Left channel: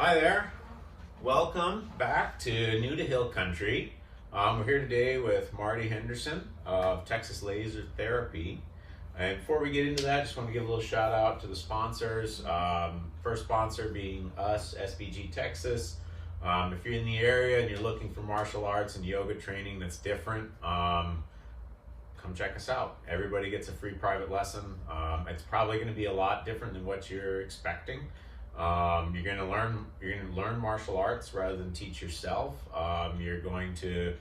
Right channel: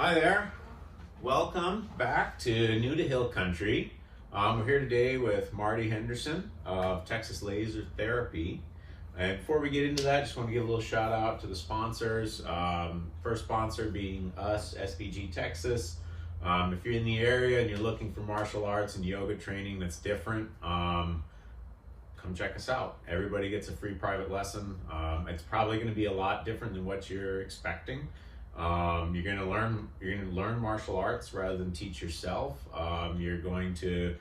Hi there. Welcome back to New to Hill Country. We're here today with Marty Henderson of Texas Laser Therapy. And before we get into that, I just want to give a little shout out to the sponsors. First sponsor being us, SBG Texas. If you're in the area and you're looking for martial arts and yoga training that's different, come check us out. Everybody gets a free private lesson. It's probably going to be a lot different than what you're expecting. You're going to learn martial arts rather than teach yourself. You're going to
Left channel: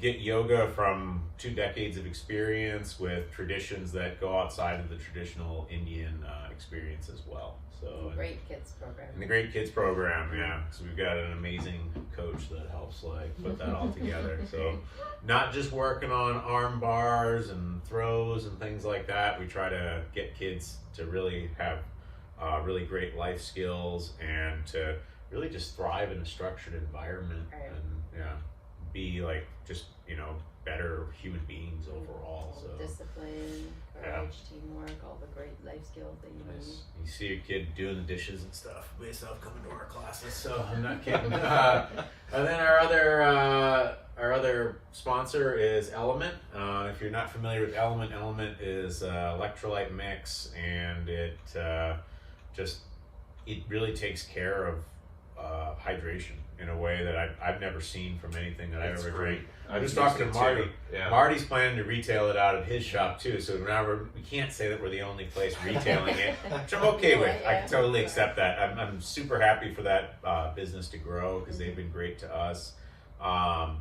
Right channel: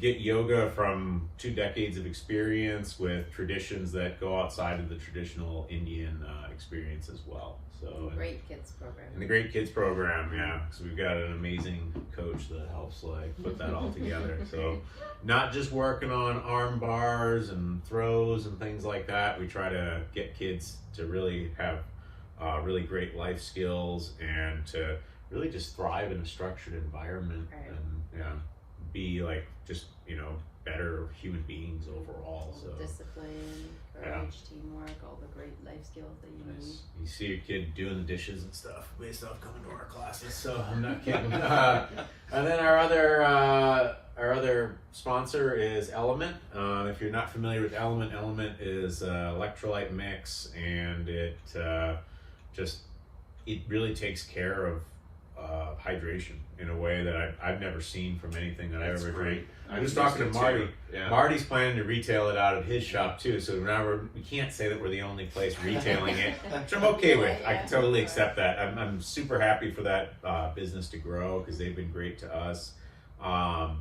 get yoga from 2 decades of experience with traditions that go outside of the traditional Indian experience as well. So great kids program. And the great kids program, yeah. So we've got an amazing coach that helps put that all together. So not just working on arm bars and throws and things like that. We try to get kids to really have really great life skills and to really just thrive in a structured environment and be better human beings overall. So discipline, courage, teamwork, all the great life skills that you need. You see your kid doing the dishes and stuff based off coming to our classes, so I'm not kidding. And then our other sponsor is Element. If you're not familiar with Element is electrolyte mix, and it really takes care of hydration in a way that I've never seen from anything that I've ever drank. I was talking to Marty. Yeah. Marty's planning to retail it out of his shop too, so now we can't say that we're the only place retailing it, which I'm okay with. Yeah. I can totally accept that. I'm super happy for that business to grow because they've been great to us.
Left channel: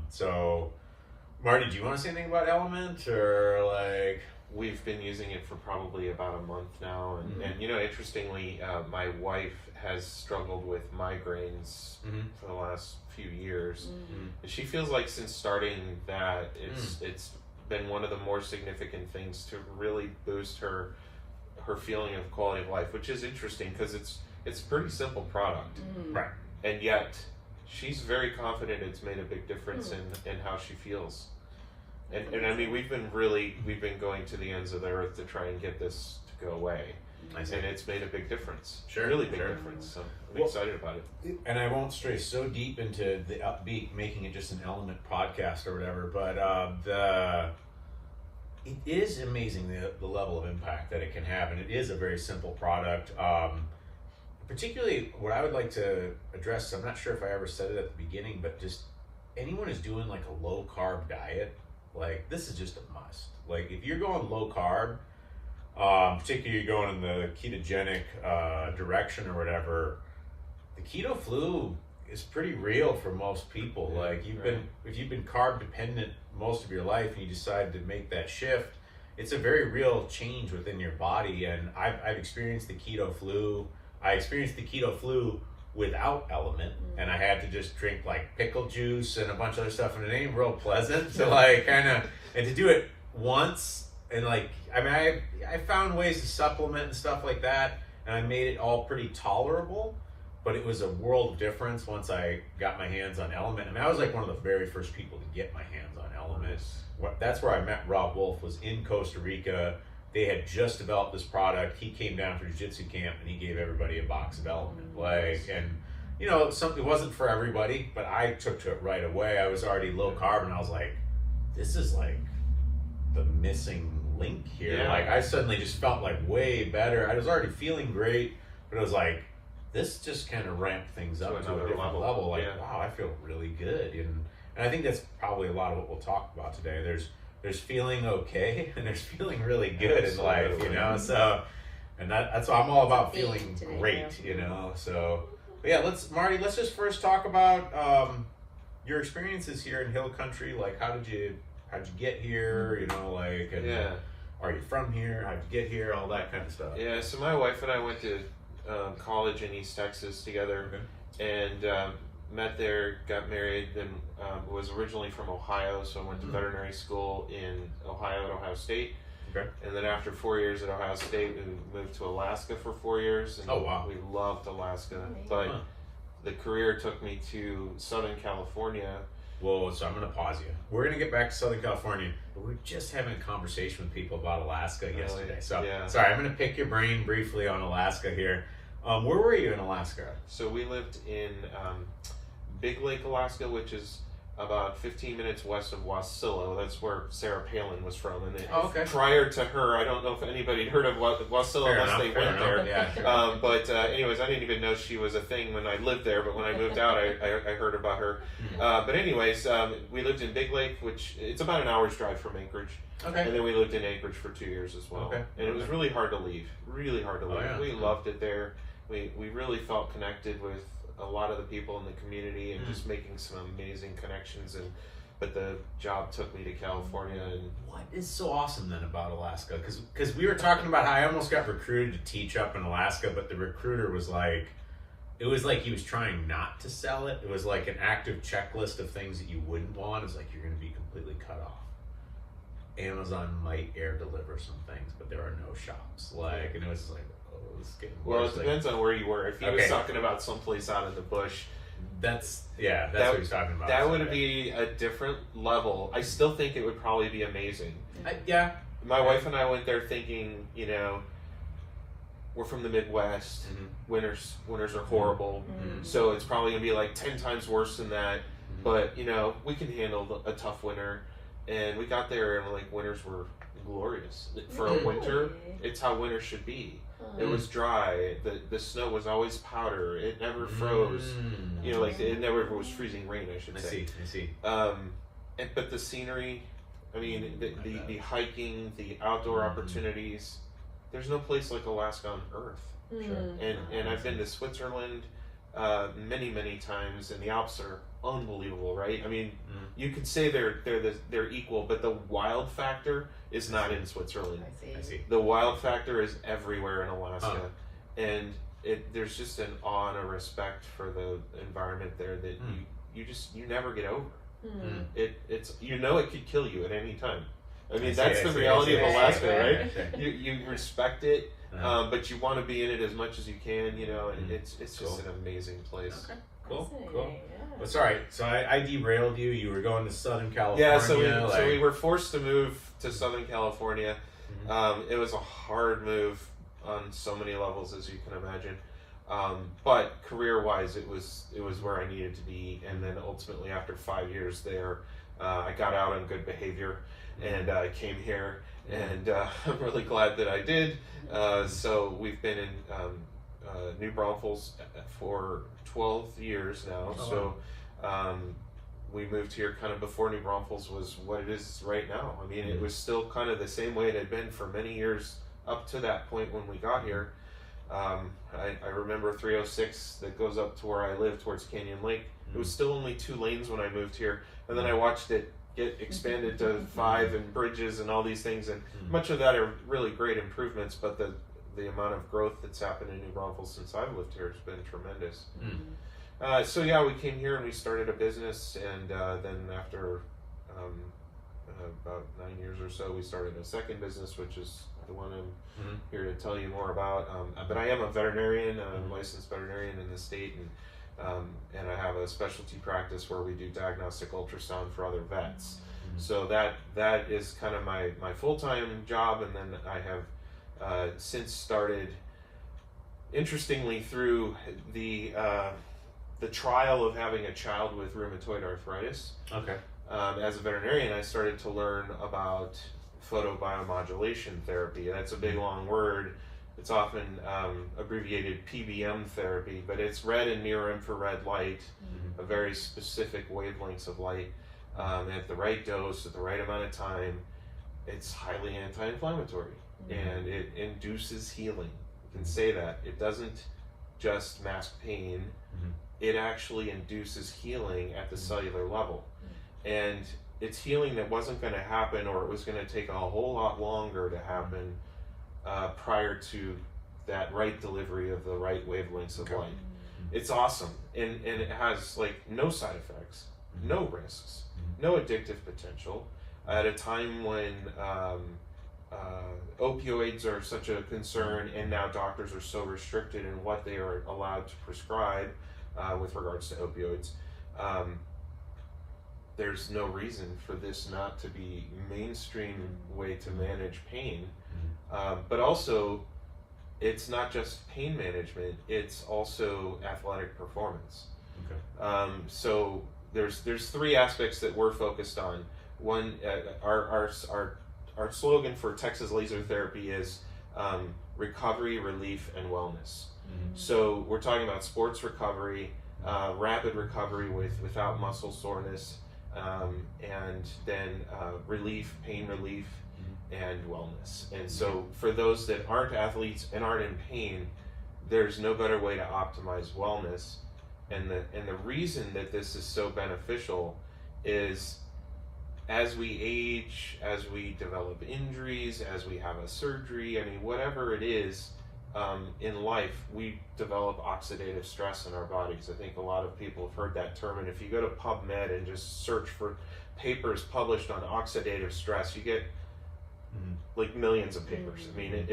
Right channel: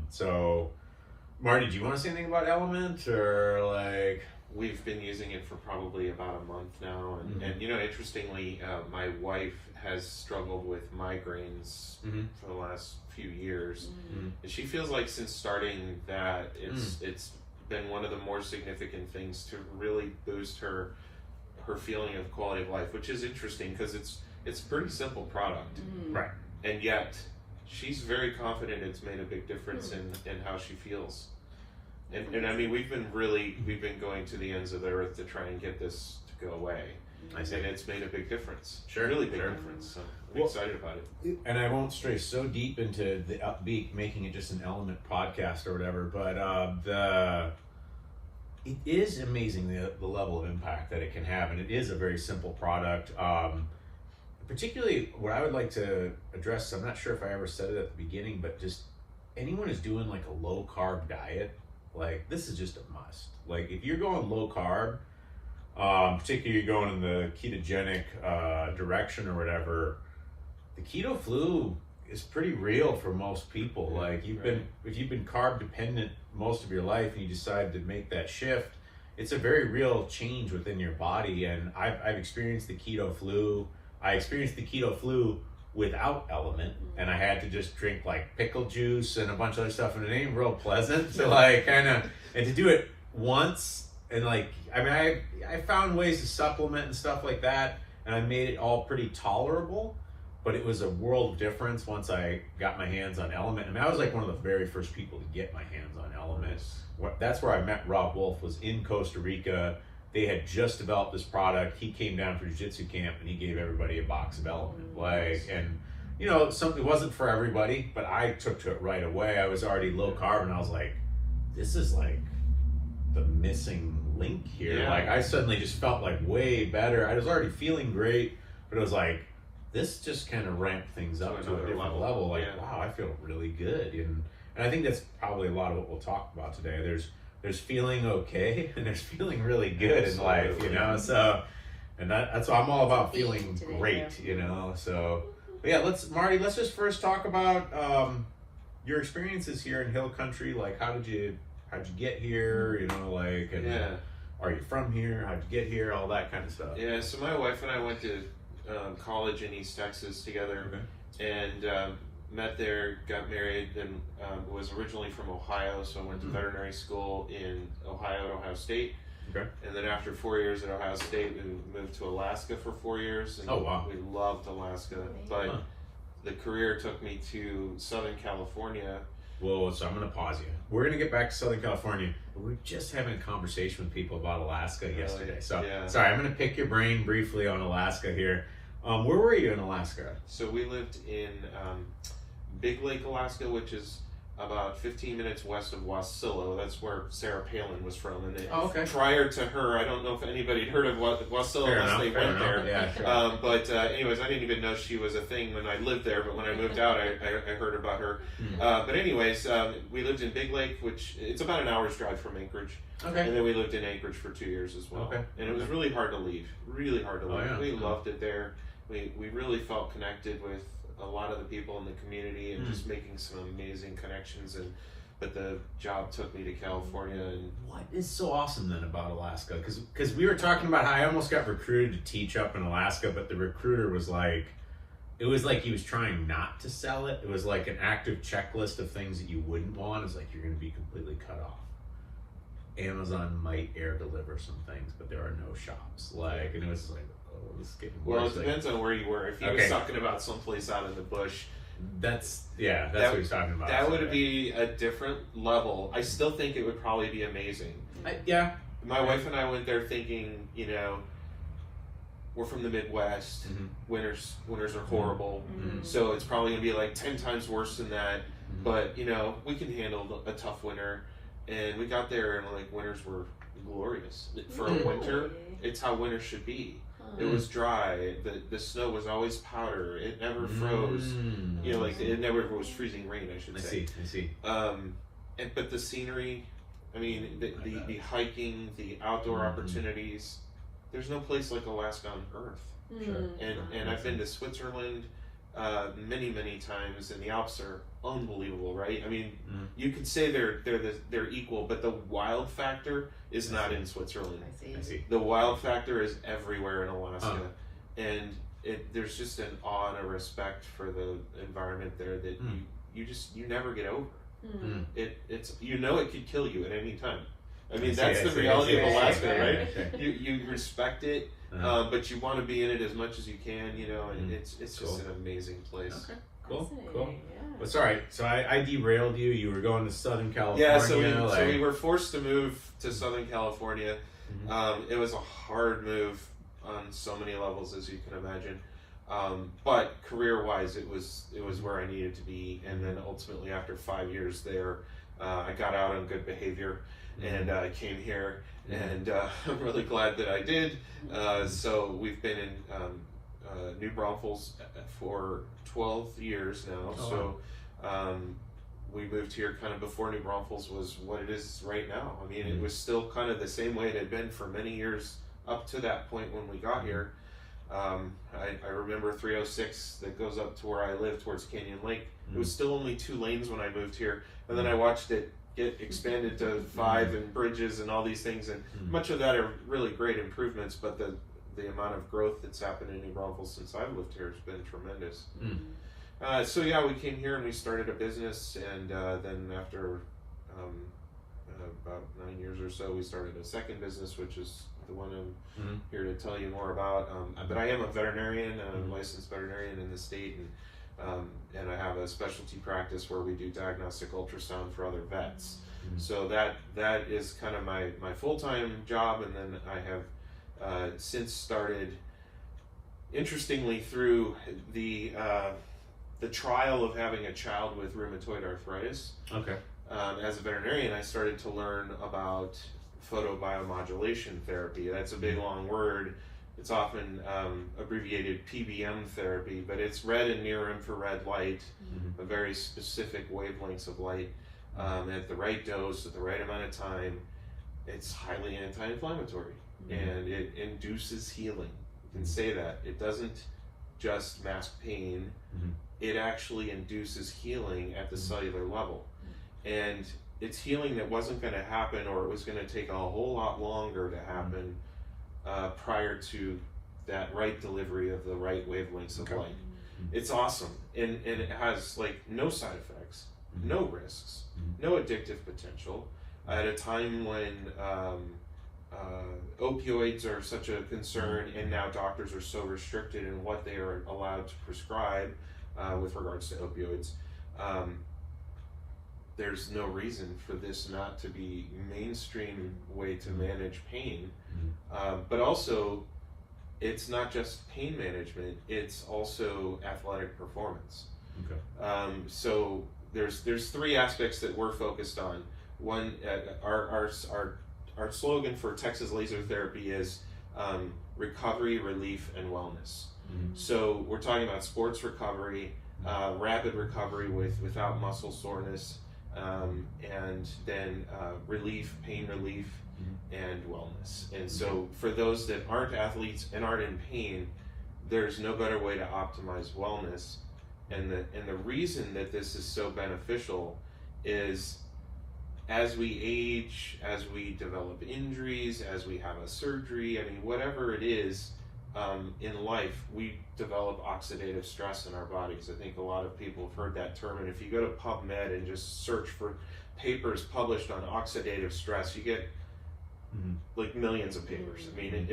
So, Marty, do you want to say anything about Element or We've been using it for probably about a month now, and interestingly, my wife has struggled with migraines for the last few years, and she feels like since starting that, it's been one of the more significant things to really boost her feeling of quality of life, which is interesting because it's a pretty simple product, right? And yet she's very confident it's made a big difference in how she feels. And I mean, we've been going to the ends of the earth to try and get this to go away. And it's made a big difference. Sure. Really big difference. So I'm excited about it. And I won't stray so deep into the upbeat, making it just an Element podcast or whatever, but it is amazing the level of impact that it can have, and it is a very simple product. Particularly, what I would like to address, I'm not sure if I ever said it at the beginning, but just anyone who's doing a low carb diet, this is just a must. If you're going low carb, particularly you're going in the ketogenic direction or whatever, the keto flu is pretty real for most people. If you've been carb dependent most of your life and you decide to make that shift, it's a very real change within your body. And I've experienced the keto flu. I experienced the keto flu without Element, and I had to just drink pickle juice and a bunch of other stuff, and it ain't real pleasant to and to do it once, and I found ways to supplement and stuff like that, and I made it all pretty tolerable, but it was a world of difference once I got my hands on Element, and I was one of the very first people to get my hands on Element. That's where I met Rob Wolf, was in Costa Rica. They had just developed this product. He came down for jiu-jitsu camp and he gave everybody a box of Element. It wasn't for everybody, but I took to it right away. I was already low carb and I was like, this is the missing link here. Yeah. I suddenly just felt way better. I was already feeling great, but it was this just kind of ramped things up to a different level. Wow, I feel really good. And I think that's probably a lot of what we'll talk about today. There's feeling okay and there's feeling really good in life, so, and that's why I'm all about feeling great, so, but yeah, Marty, let's just first talk about your experiences here in Hill Country. How'd you get here, are you from here, how'd you get here, all that kind of stuff. Yeah, so my wife and I went to college in East Texas together, and met there, got married, then was originally from Ohio, so I went to veterinary school in Ohio at Ohio State. Okay. And then after 4 years at Ohio State, we moved to Alaska for 4 years. And oh, wow. We loved Alaska. But the career took me to Southern California. Whoa, so I'm going to pause you. We're going to get back to Southern California, but we're just having a conversation with people about Alaska yesterday. So, sorry, I'm going to pick your brain briefly on Alaska here. Where were you in Alaska? So we lived in Big Lake, Alaska, which is about 15 minutes west of Wasilla. That's where Sarah Palin was from. And prior to her, I don't know if anybody heard of Wasilla unless they went there. Yeah, sure. But anyways, I didn't even know she was a thing when I lived there. But when I moved out, I heard about her. But anyways, we lived in Big Lake, which it's about an hour's drive from Anchorage. Okay. And then we lived in Anchorage for 2 years as well. Okay. And it was really hard to leave. Really hard to leave. Yeah. We loved it there. We really felt connected with a lot of the people in the community and just making some amazing connections. But the job took me to California. And what is so awesome then about Alaska? Because we were talking about how I almost got recruited to teach up in Alaska, but the recruiter was like, it was like he was trying not to sell it. It was like an active checklist of things that you wouldn't want. It's like you're going to be completely cut off. Amazon might air deliver some things, but there are no shops. And it was like, oh, this is getting worse. Well, it depends on where you were. If he was talking about someplace out in the bush, that's what he's talking about. That would be a different level. I still think it would probably be amazing. Yeah. My wife and I went there thinking, we're from the Midwest. Winters are horrible. So it's probably going to be like 10 times worse than that. But, we can handle a tough winter. And we got there and winters were glorious. For a winter, it's how winter should be. It was dry. The snow was always powder. It never froze. It never was freezing rain, I should say. I see. But the scenery, the hiking, the outdoor opportunities, there's no place like Alaska on earth. Sure. And I've been to Switzerland many times, and the Alps are unbelievable, right? You could say they're equal, but the wild factor is not in Switzerland. I see. The wild factor is everywhere in Alaska, and there's just an awe and a respect for the environment there that you never get over. It's it could kill you at any time. That's the reality of Alaska, right? You respect it. But you want to be in it as much as you can, and it's just an amazing place. Okay, cool. Yeah. Well, sorry, so I derailed you. You were going to Southern California. Yeah, so we were forced to move to Southern California. It was a hard move on so many levels, as you can imagine. But career-wise, it was where I needed to be. And then ultimately, after 5 years there, I got out on good behavior, and I came here. And I'm really glad that I did. So we've been in New Braunfels for 12 years now. We moved here kind of before New Braunfels was what it is right now. It was still kind of the same way it had been for many years up to that point when we got here. I remember 306 that goes up to where I live towards Canyon Lake. It was still only 2 lanes when I moved here. And then I watched it get expanded to 5 and bridges and all these things, and much of that are really great improvements, but the amount of growth that's happened in New Braunfels since I've lived here has been tremendous. We came here and we started a business, and then after about 9 years or so, we started a second business, which is the one I'm here to tell you more about. But I am a veterinarian, I'm a licensed veterinarian in the state, and I have a specialty practice where we do diagnostic ultrasound for other vets. So that is kind of my full-time job, and then I have since started, interestingly, through the trial of having a child with rheumatoid arthritis. Okay. As a veterinarian, I started to learn about photobiomodulation therapy. That's a big long word. It's often abbreviated PBM therapy, but it's red and near infrared light, a very specific wavelengths of light, at the right dose, at the right amount of time. It's highly anti-inflammatory, and it induces healing. You can say that. It doesn't just mask pain, it actually induces healing at the cellular level. And it's healing that wasn't going to happen, or it was going to take a whole lot longer to happen prior to that right delivery of the right wavelengths of light. It's awesome, and it has no side effects, no risks, no addictive potential. At a time when opioids are such a concern, and now doctors are so restricted in what they are allowed to prescribe with regards to opioids, there's no reason for this not to be mainstream way to manage pain. But also, it's not just pain management, it's also athletic performance. Okay. So there's three aspects that we're focused on. One, our slogan for Texas Laser Therapy is recovery, relief, and wellness. Mm-hmm. So we're talking about sports recovery, rapid recovery without muscle soreness, and then relief, pain relief, and wellness. And so for those that aren't athletes and aren't in pain, there's no better way to optimize wellness. And the reason that this is so beneficial is as we age, as we develop injuries, as we have a surgery, I mean, whatever it is in life, we develop oxidative stress in our bodies. I think a lot of people have heard that term, and if you go to PubMed and just search for papers published on oxidative stress, you get like millions of papers. I mean,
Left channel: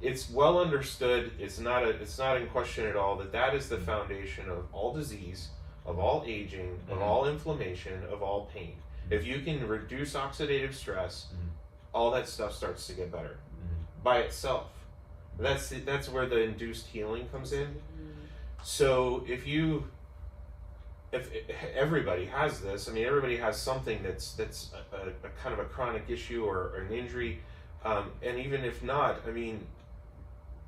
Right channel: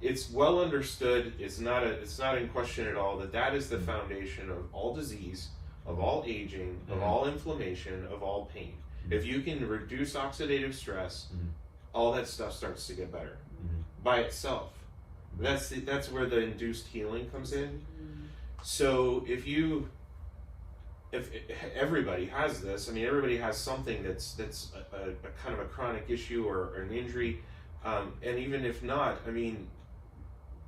it's well understood. It's not in question at all that is the foundation of all disease, of all aging, of all inflammation, of all pain. If you can reduce oxidative stress, all that stuff starts to get better by itself. That's where the induced healing comes in. So if everybody has this, I mean, everybody has something that's a kind of a chronic issue or an injury, and even if not, I mean,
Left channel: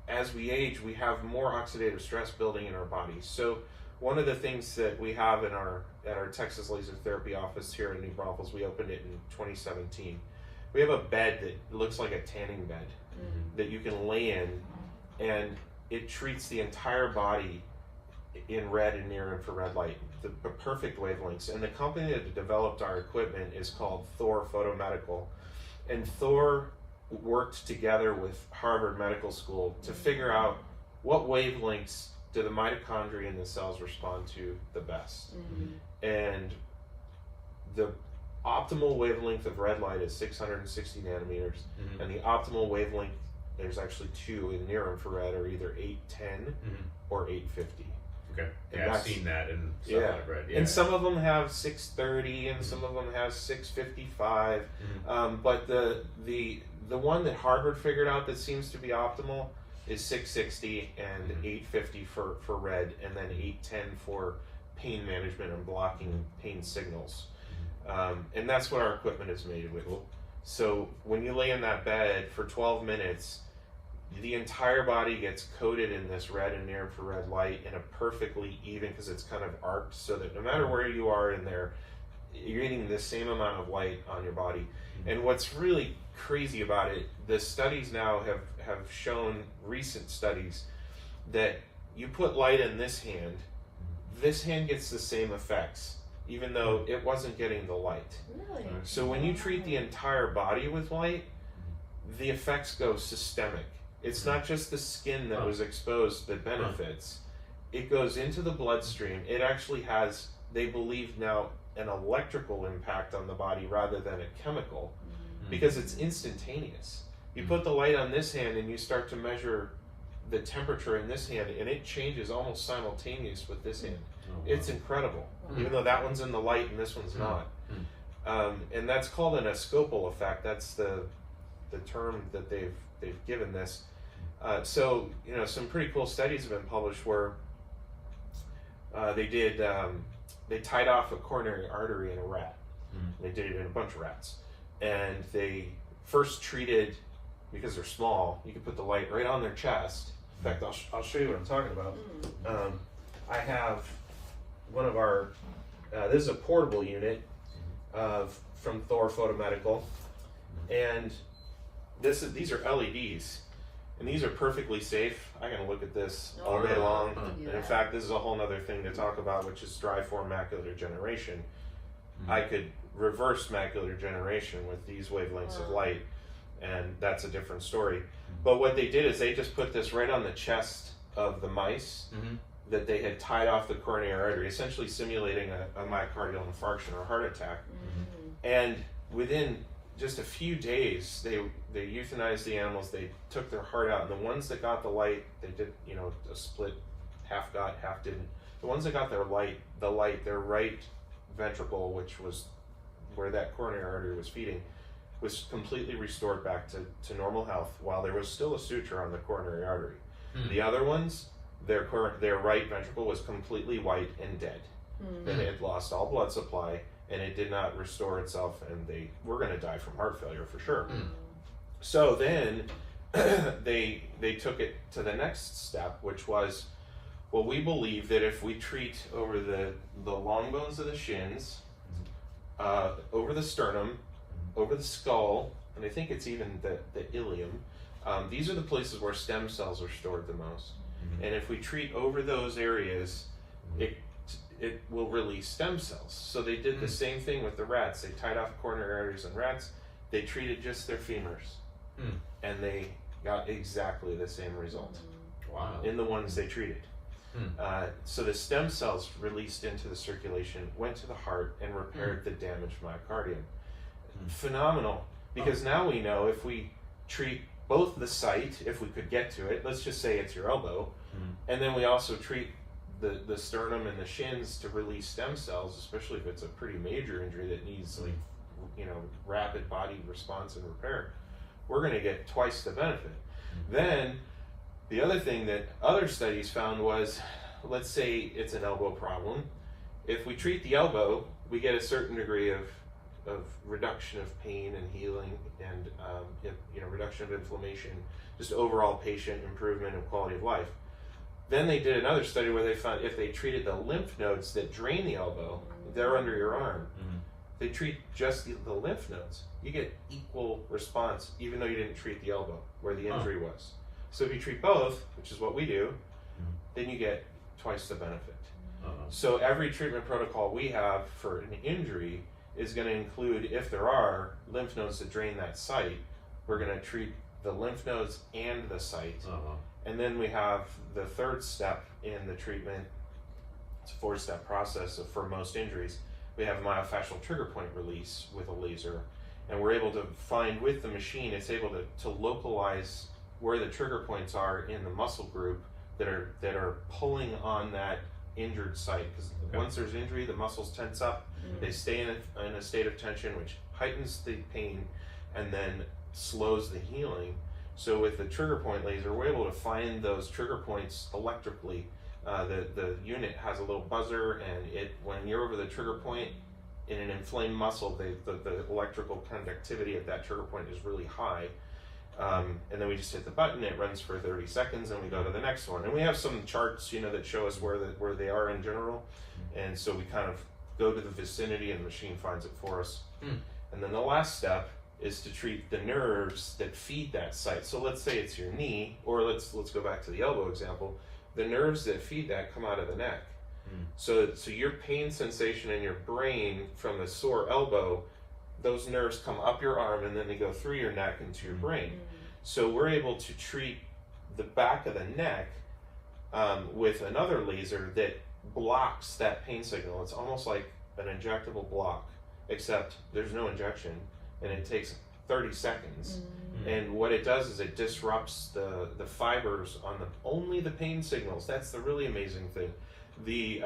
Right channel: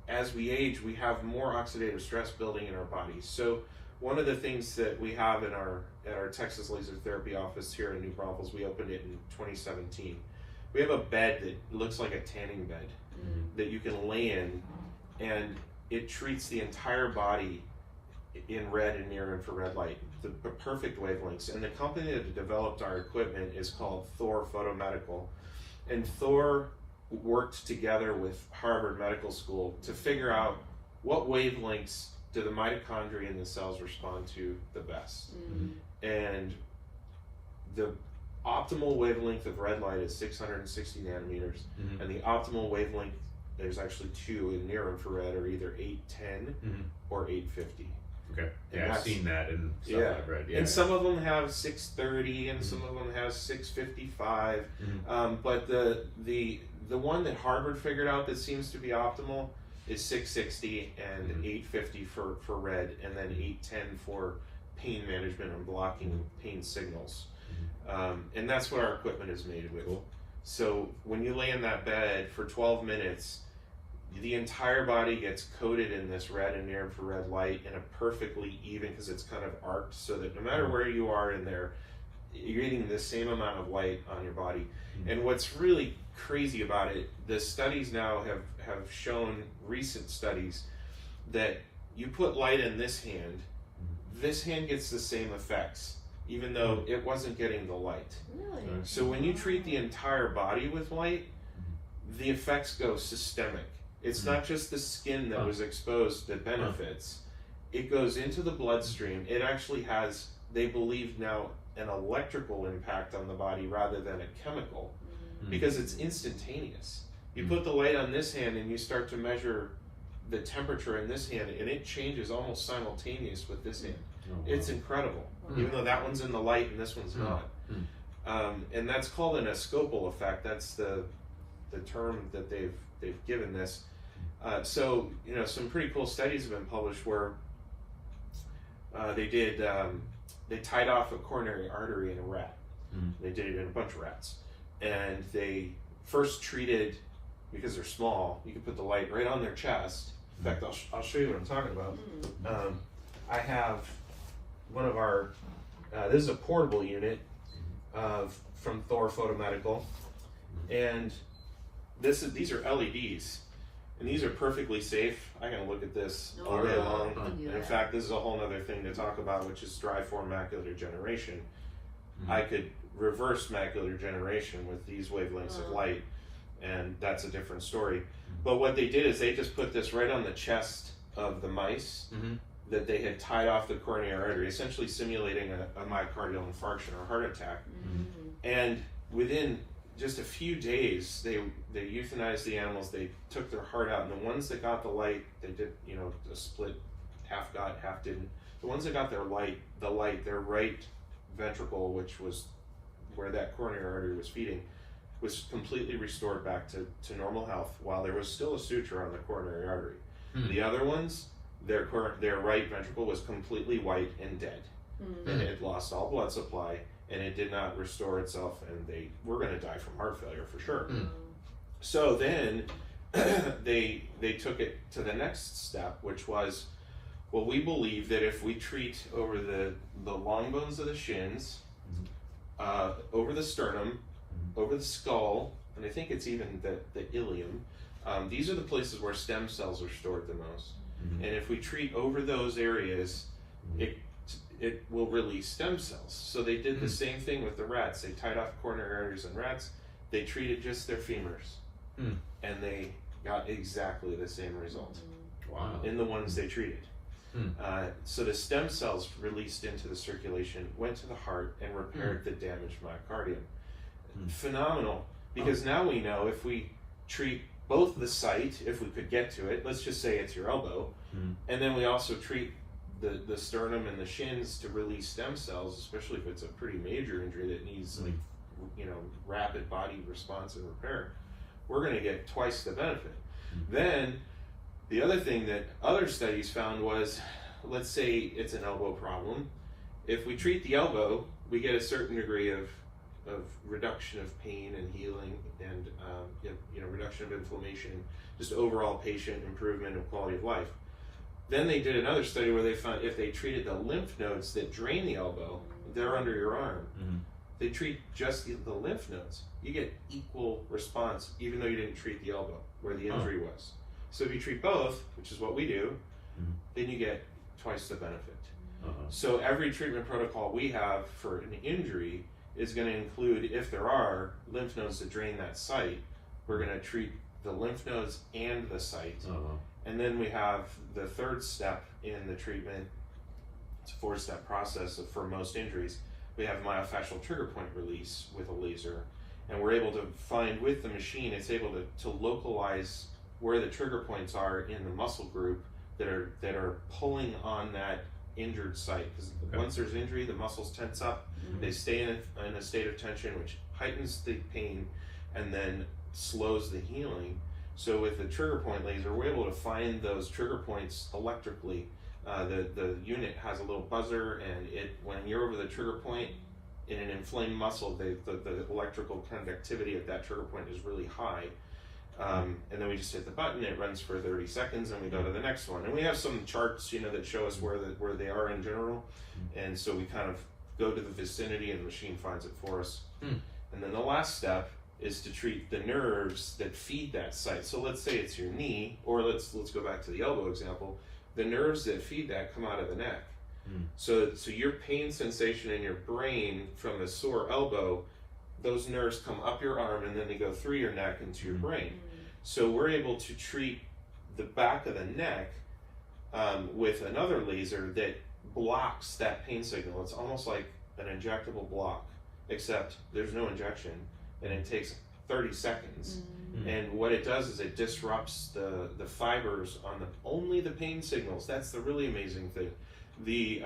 as we age, we have more oxidative stress building in our bodies. So one of the things that we have at our Texas Laser Therapy office here in New Braunfels, we opened it in 2017. We have a bed that looks like a tanning bed that you can lay in, and it treats the entire body in red and near infrared light, the perfect wavelengths. And the company that developed our equipment is called Thor Photomedical, and Thor worked together with Harvard Medical School to figure out what wavelengths do the mitochondria in the cells respond to the best. And the optimal wavelength of red light is 660 nanometers, and the optimal wavelength, there's actually two in near infrared, are either 810 or 850. Okay. And I've seen that in stuff that I've read. Yeah. And some of them have 630, and some of them have 655. But the one that Harvard figured out that seems to be optimal is 660 and 850 for red, and then 810 for pain management and blocking pain signals. And that's what our equipment is made with. Cool. So when you lay in that bed for 12 minutes, the entire body gets coated in this red and near infrared light in a perfectly even, because it's kind of arced, so that no matter where you are in there, you're getting the same amount of light on your body. And what's really crazy about it, the studies now have shown, recent studies, that you put light in this hand gets the same effects, even though it wasn't getting the light. Really? So when you treat the entire body with light, the effects go systemic. It's not just the skin that was exposed that benefits. It goes into the bloodstream. It actually has, they believe now, an electrical impact on the body rather than a chemical, because it's instantaneous. You put the light on this hand and you start to measure the temperature in this hand, and it changes almost simultaneous with this hand. It's incredible, even though that one's in the light and this one's not. And that's called an escopal effect. That's the term that they've given this. So some pretty cool studies have been published where they tied off a coronary artery in a rat. They did it in a bunch of rats, and they first treated, because they're small, you can put the light right on their chest. In fact, I'll show you what I'm talking about. I have one of our, this is a portable unit from Thor Photomedical, and these are LEDs, and these are perfectly safe. I can look at this all day long. And in fact, this is a whole other thing to talk about, which is striform macular degeneration. I could reverse macular degeneration with these wavelengths of light, and that's a different story. But what they did is they just put this right on the chest of the mice that they had tied off the coronary artery, essentially simulating a myocardial infarction or heart attack. And within just a few days, they euthanized the animals. They took their heart out, and the ones that got the light, they did a split, half got, half didn't. The ones that got their right ventricle, which was where that coronary artery was feeding, was completely restored back to normal health, while there was still a suture on the coronary artery. The other ones, their right ventricle was completely white and dead. And it had lost all blood supply, and it did not restore itself, and they were going to die from heart failure for sure. So then they took it to the next step, which was, well, we believe that if we treat over the long bones of the shins, over the sternum, over the skull, and I think it's even the ilium, these are the places where stem cells are stored the most. And if we treat over those areas, it will release stem cells. So they did the same thing with the rats. They tied off coronary arteries in rats. They treated just their femurs, and they got exactly the same result in the ones they treated. So the stem cells released into the circulation, went to the heart, and repaired the damaged myocardium. Phenomenal, because now we know if we treat both the site, if we could get to it, let's just say it's your elbow, and then we also treat the sternum and the shins to release stem cells, especially if it's a pretty major injury that needs rapid body response and repair, we're going to get twice the benefit. Then the other thing that other studies found was, let's say it's an elbow problem. If we treat the elbow, we get a certain degree of reduction of pain and healing, and reduction of inflammation, just overall patient improvement of quality of life. Then they did another study where they found if they treated the lymph nodes that drain the elbow, they're under your arm. They treat just the lymph nodes, you get equal response, even though you didn't treat the elbow where the injury was. So if you treat both, which is what we do, then you get twice the benefit. So every treatment protocol we have for an injury is going to include, if there are lymph nodes that drain that site, we're going to treat the lymph nodes and the site. And then we have the third step in the treatment. It's a 4-step process for most injuries. We have myofascial trigger point release with a laser, and we're able to find with the machine, it's able to localize where the trigger points are in the muscle group that are pulling on that injured site. Because once there's injury, the muscles tense up, they stay in a state of tension, which heightens the pain and then slows the healing. So with the trigger point laser, we're able to find those trigger points electrically. The unit has a little buzzer, and when you're over the trigger point in an inflamed muscle, the electrical conductivity at that trigger point is really high. And then we just hit the button, it runs for 30 seconds, and we go to the next one. And we have some charts, that show us where they are in general. And so we kind of go to the vicinity, and the machine finds it for us. And then the last step is to treat the nerves that feed that site. So let's say it's your knee, or let's go back to the elbow example. The nerves that feed that come out of the neck. So your pain sensation in your brain from a sore elbow, those nerves come up your arm, and then they go through your neck into your brain. So we're able to treat the back of the neck with another laser that blocks that pain signal. It's almost like an injectable block, except there's no injection, and it takes 30 seconds. And what it does is it disrupts the fibers on only the pain signals. That's the really amazing thing. The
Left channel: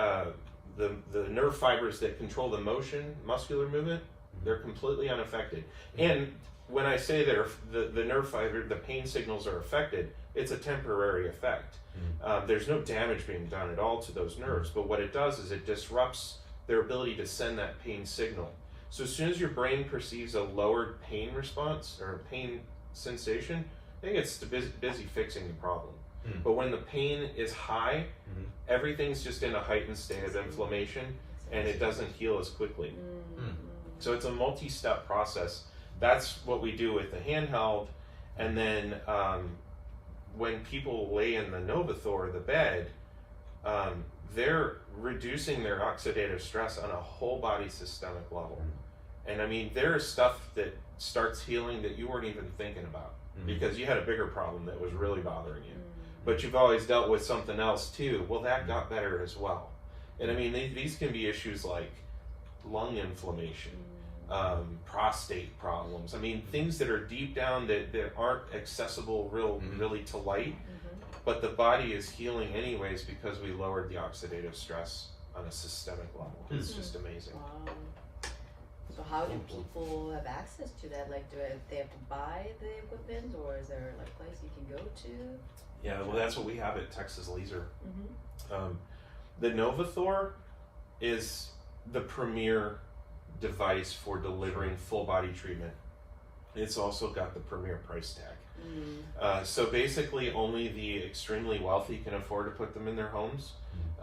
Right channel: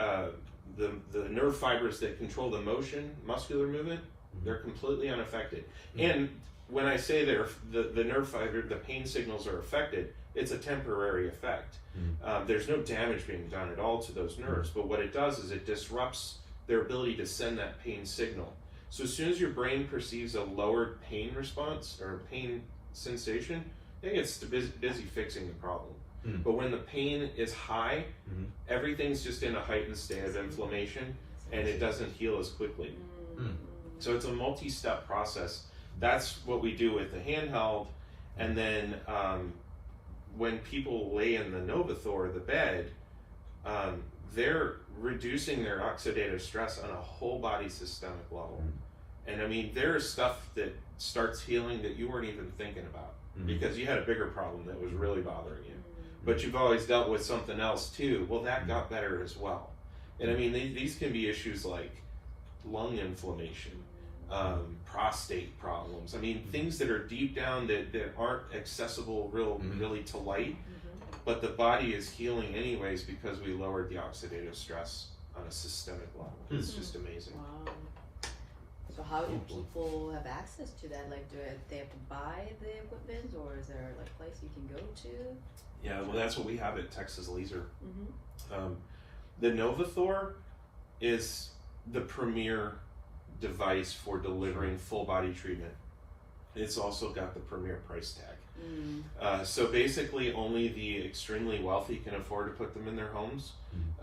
nerve fibers that control the motion, muscular movement, they're completely unaffected. And when I say that the nerve fiber, the pain signals are affected, it's a temporary effect. There's no damage being done at all to those nerves, but what it does is it disrupts their ability to send that pain signal. So as soon as your brain perceives a lowered pain response or pain sensation, it gets busy fixing the problem. But when the pain is high, everything's just in a heightened state of inflammation, and it doesn't heal as quickly. So it's a multi-step process. That's what we do with the handheld. And then when people lay in the Novathor, the bed, they're reducing their oxidative stress on a whole body systemic level. And I mean, there's stuff that starts healing that you weren't even thinking about because you had a bigger problem that was really bothering you. But you've always dealt with something else too. Well, that got better as well. And I mean, these can be issues like lung inflammation, prostate problems. I mean, things that are deep down that aren't accessible really to light, but the body is healing anyways because we lowered the oxidative stress on a systemic level. It's just amazing. Wow. So how do people have access to that? Like, they have to buy the equipment, or is there like a place you can go to? Yeah, well, that's what we have at Texas Laser. Mm-hmm. The NovaThor is the premier device for delivering full body treatment. It's also got the premier price tag. So basically only the extremely wealthy can afford to put them in their homes.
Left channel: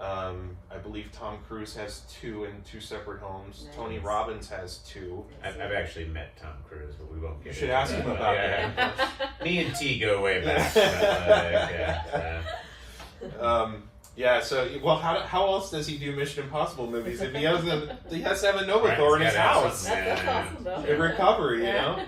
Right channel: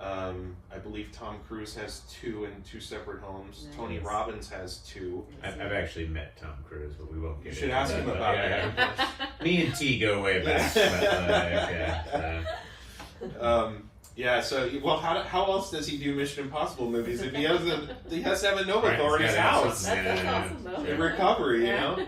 I believe Tom Cruise has 2 in 2 separate homes. Nice. Tony Robbins has 2. I've actually met Tom Cruise, but we won't get You should into ask him that. about Yeah. that. Me and T go way back. Yeah, so well, how else does he do Mission Impossible movies if he has to have a NovaThor in his house? That's awesome, though. In recovery, you know.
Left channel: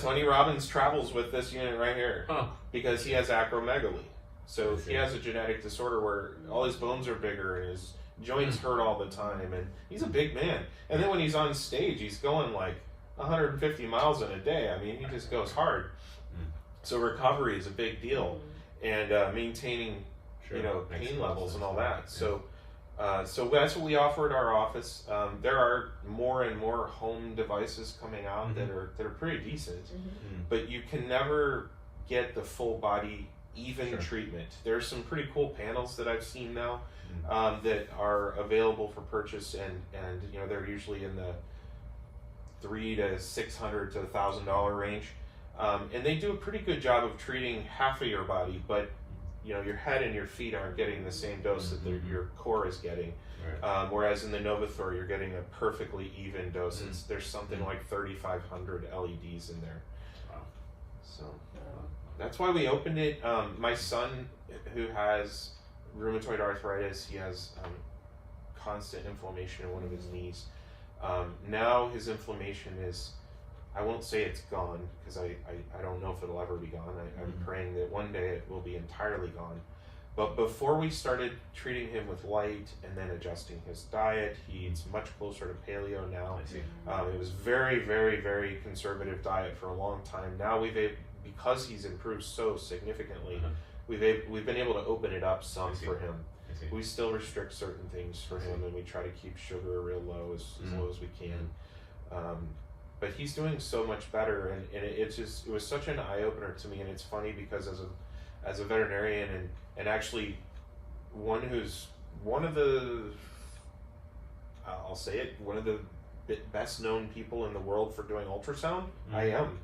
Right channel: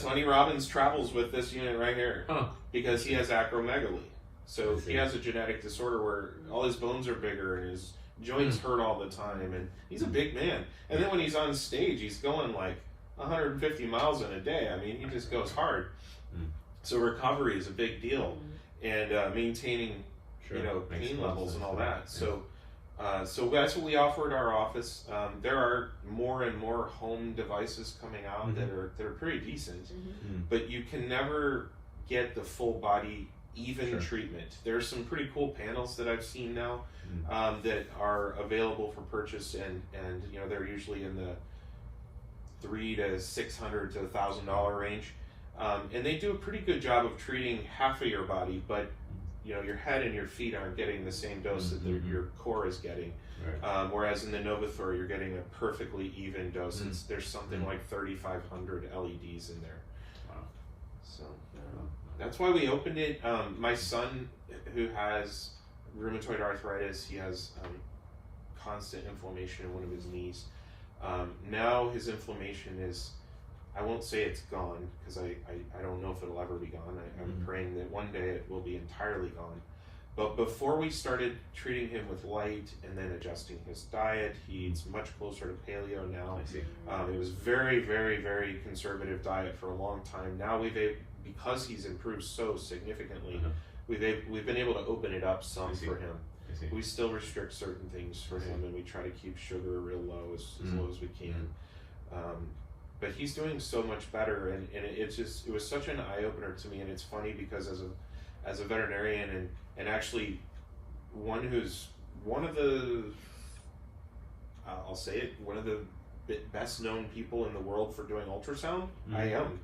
Tony Robbins travels with this unit right here Huh. because he has acromegaly. So I see. he has a genetic disorder where all his bones are bigger and his joints hurt all the time, and he's a big man. And then when he's on stage, he's going like 150 miles in a day. I mean, he just goes hard. So recovery is a big deal, and maintaining Makes pain a lot of levels and sense. all that. So that's what we offer in our office. There are more and more home devices coming out that are pretty decent, but you can never get the full body even treatment. There's some pretty cool panels that I've seen now that are available for purchase, and they're usually in the $300 to $600 to $1,000 range, and they do a pretty good job of treating half of your body, but your head and your feet aren't getting the same dose that your core is getting. Right. Whereas in the NovaThor, you're getting a perfectly even dose. There's something like 3,500 LEDs in there. Wow. So that's why we opened it. My son, who has rheumatoid arthritis, he has constant inflammation in one of his knees. Now his inflammation is, I won't say it's gone, because I don't know if it'll ever be gone. I'm praying that one day it will be entirely gone. But before we started treating him with light and then adjusting his diet, he eats much closer to paleo now. I see. It was very, very, very conservative diet for a long time. Now because he's improved so significantly, we've been able to open it up some for him. We still restrict certain things for him, and we try to keep sugar real low, as low as we can. But he's doing so much better, and it was such an eye opener to me. And it's funny because as a veterinarian and actually one of the best known people in the world for doing ultrasound, I am.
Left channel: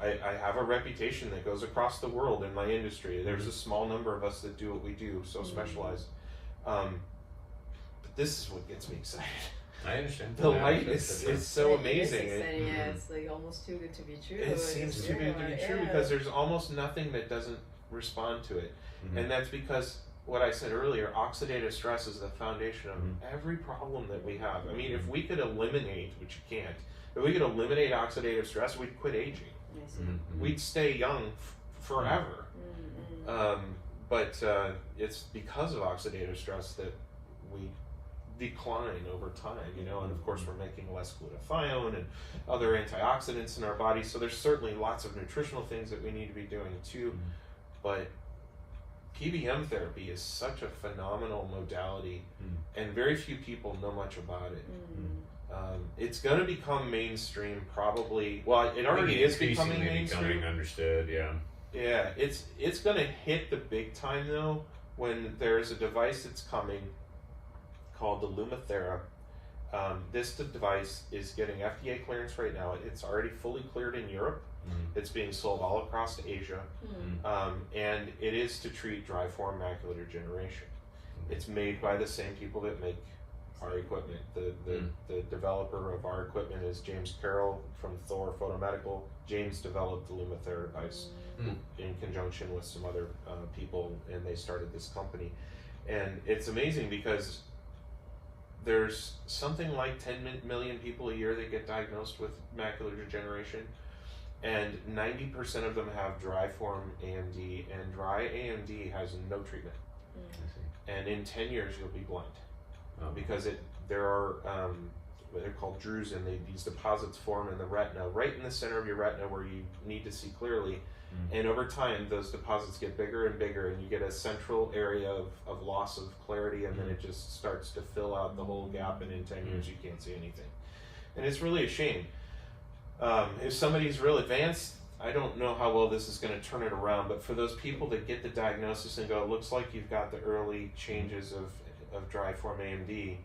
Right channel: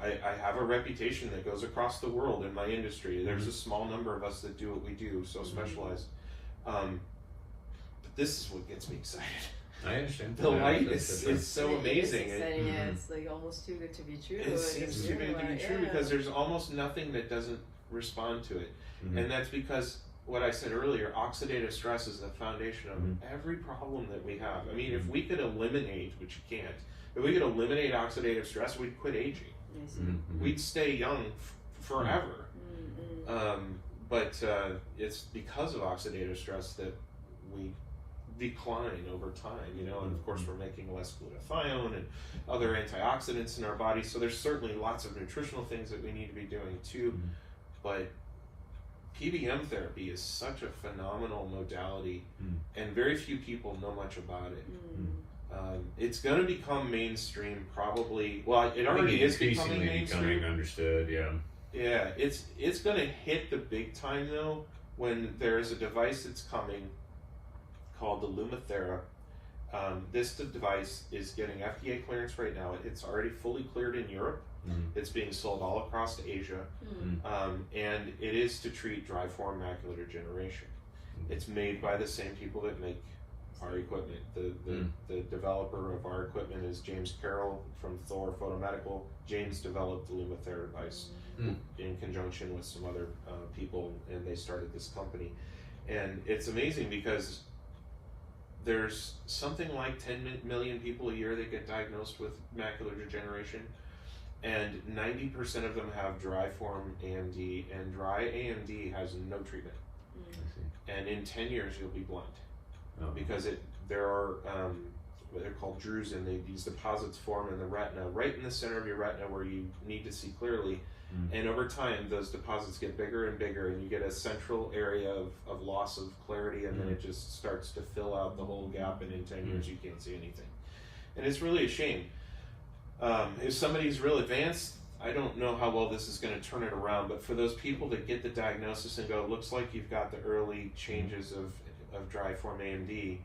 I have a reputation that goes across the world in my industry. There's a small number of us that do what we do, so specialized. But this is what gets me excited. I understand. The light is so amazing. It's like almost too good to be true. It seems too good to be true because there's almost nothing that doesn't respond to it. And that's because what I said earlier, oxidative stress is the foundation of every problem that we have. I mean, if we could eliminate, which you can't, if we could eliminate oxidative stress, we'd quit aging. We'd stay young forever. But it's because of oxidative stress that we decline over time, and of course we're making less glutathione and other antioxidants in our body, so there's certainly lots of nutritional things that we need to be doing too. But PBM therapy is such a phenomenal modality, and very few people know much about it. It's going to become mainstream, probably. Well, it already is becoming mainstream. Understood. Yeah, it's going to hit the big time though when there's a device that's coming called the Lumathera. This device is getting FDA clearance right now. It's already fully cleared in Europe. It's being sold all across Asia, and it is to treat dry form macular degeneration. It's made by the same people that make our equipment. The developer of our equipment is James Carroll from Thor Photomedical. James developed the Lumathera device in conjunction with some other people, and they started this company. And it's amazing because there's something like 10 million people a year that get diagnosed with macular degeneration, and 90% of them have dry form AMD, and dry AMD has no treatment. And in 10 years you'll be blind, because there are what they're called drusen. These deposits form in the retina, right in the center of your retina where you need to see clearly. And over time, those deposits get bigger and bigger, and you get a central area of loss of clarity, and then it just starts to fill out the whole gap, and in 10 years, you can't see anything. And it's really a shame. If somebody's real advanced, I don't know how well this is going to turn it around, but for those people that get the diagnosis and go, it looks like you've got the early changes of dry form AMD,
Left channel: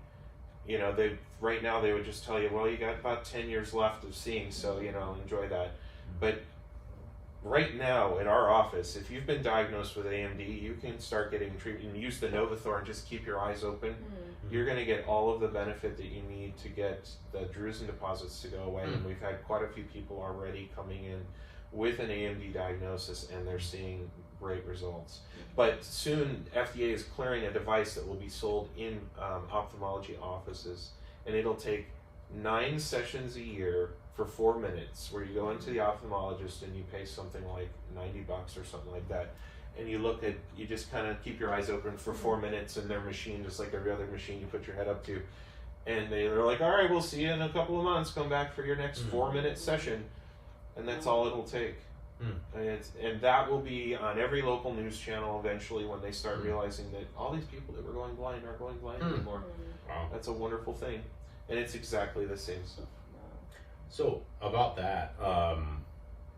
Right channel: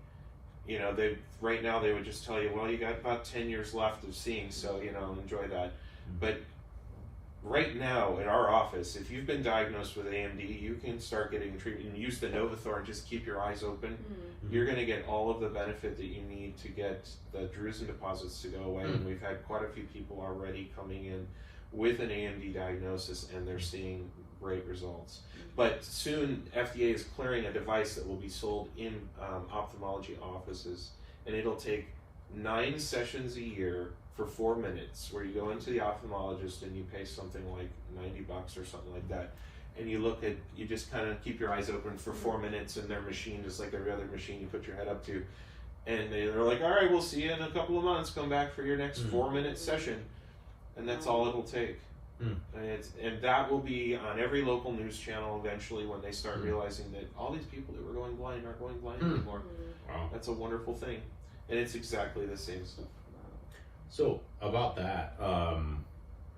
you know, right now they would just tell you, well, you got about 10 years left of seeing, so, you know, enjoy that. But right now in our office, if you've been diagnosed with AMD, you can start getting treatment. You use the Novathor and just keep your eyes open. You're going to get all of the benefit that you need to get the drusen deposits to go away. And we've had quite a few people already coming in with an AMD diagnosis, and they're seeing great results. But soon, FDA is clearing a device that will be sold in ophthalmology offices, and it'll take 9 sessions a year for 4 minutes, where you go into the ophthalmologist and you pay something like $90 or something like that, and you just kind of keep your eyes open for 4 minutes in their machine, just like every other machine you put your head up to, and they're like, all right, we'll see you in a couple of months, come back for your next 4-minute session, and that's all it'll take. And that will be on every local news channel eventually when they start realizing that all these people that were going blind aren't going blind anymore. Wow. That's a wonderful thing, and it's exactly the same stuff. So about that,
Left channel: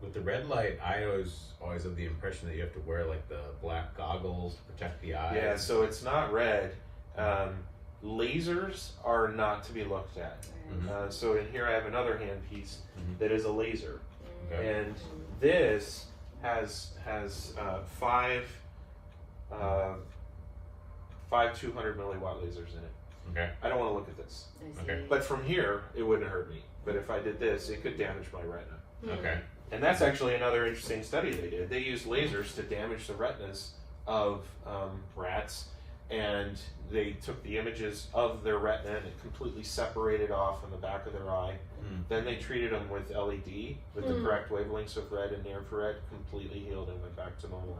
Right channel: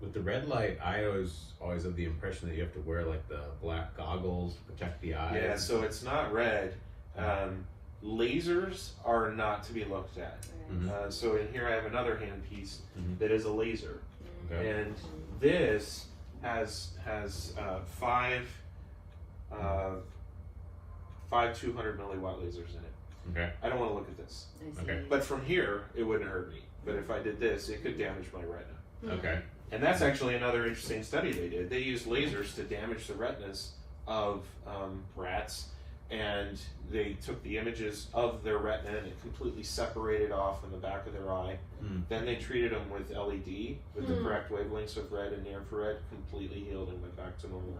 with the red light, I always have the impression that you have to wear like the black goggles to protect the eyes. Yeah, so it's not red. Lasers are not to be looked at. So in here I have another handpiece that is a laser. Okay. And this has 5 200 milliwatt lasers in it. Okay. I don't want to look at this. Okay. But from here, it wouldn't hurt me. But if I did this, it could damage my retina. Okay. And that's actually another interesting study they did. They used lasers to damage the retinas of rats, and they took the images of their retina and it completely separated off in the back of their eye. Then they treated them with LED, with the correct wavelengths of red and near infrared, completely healed and went back to normal.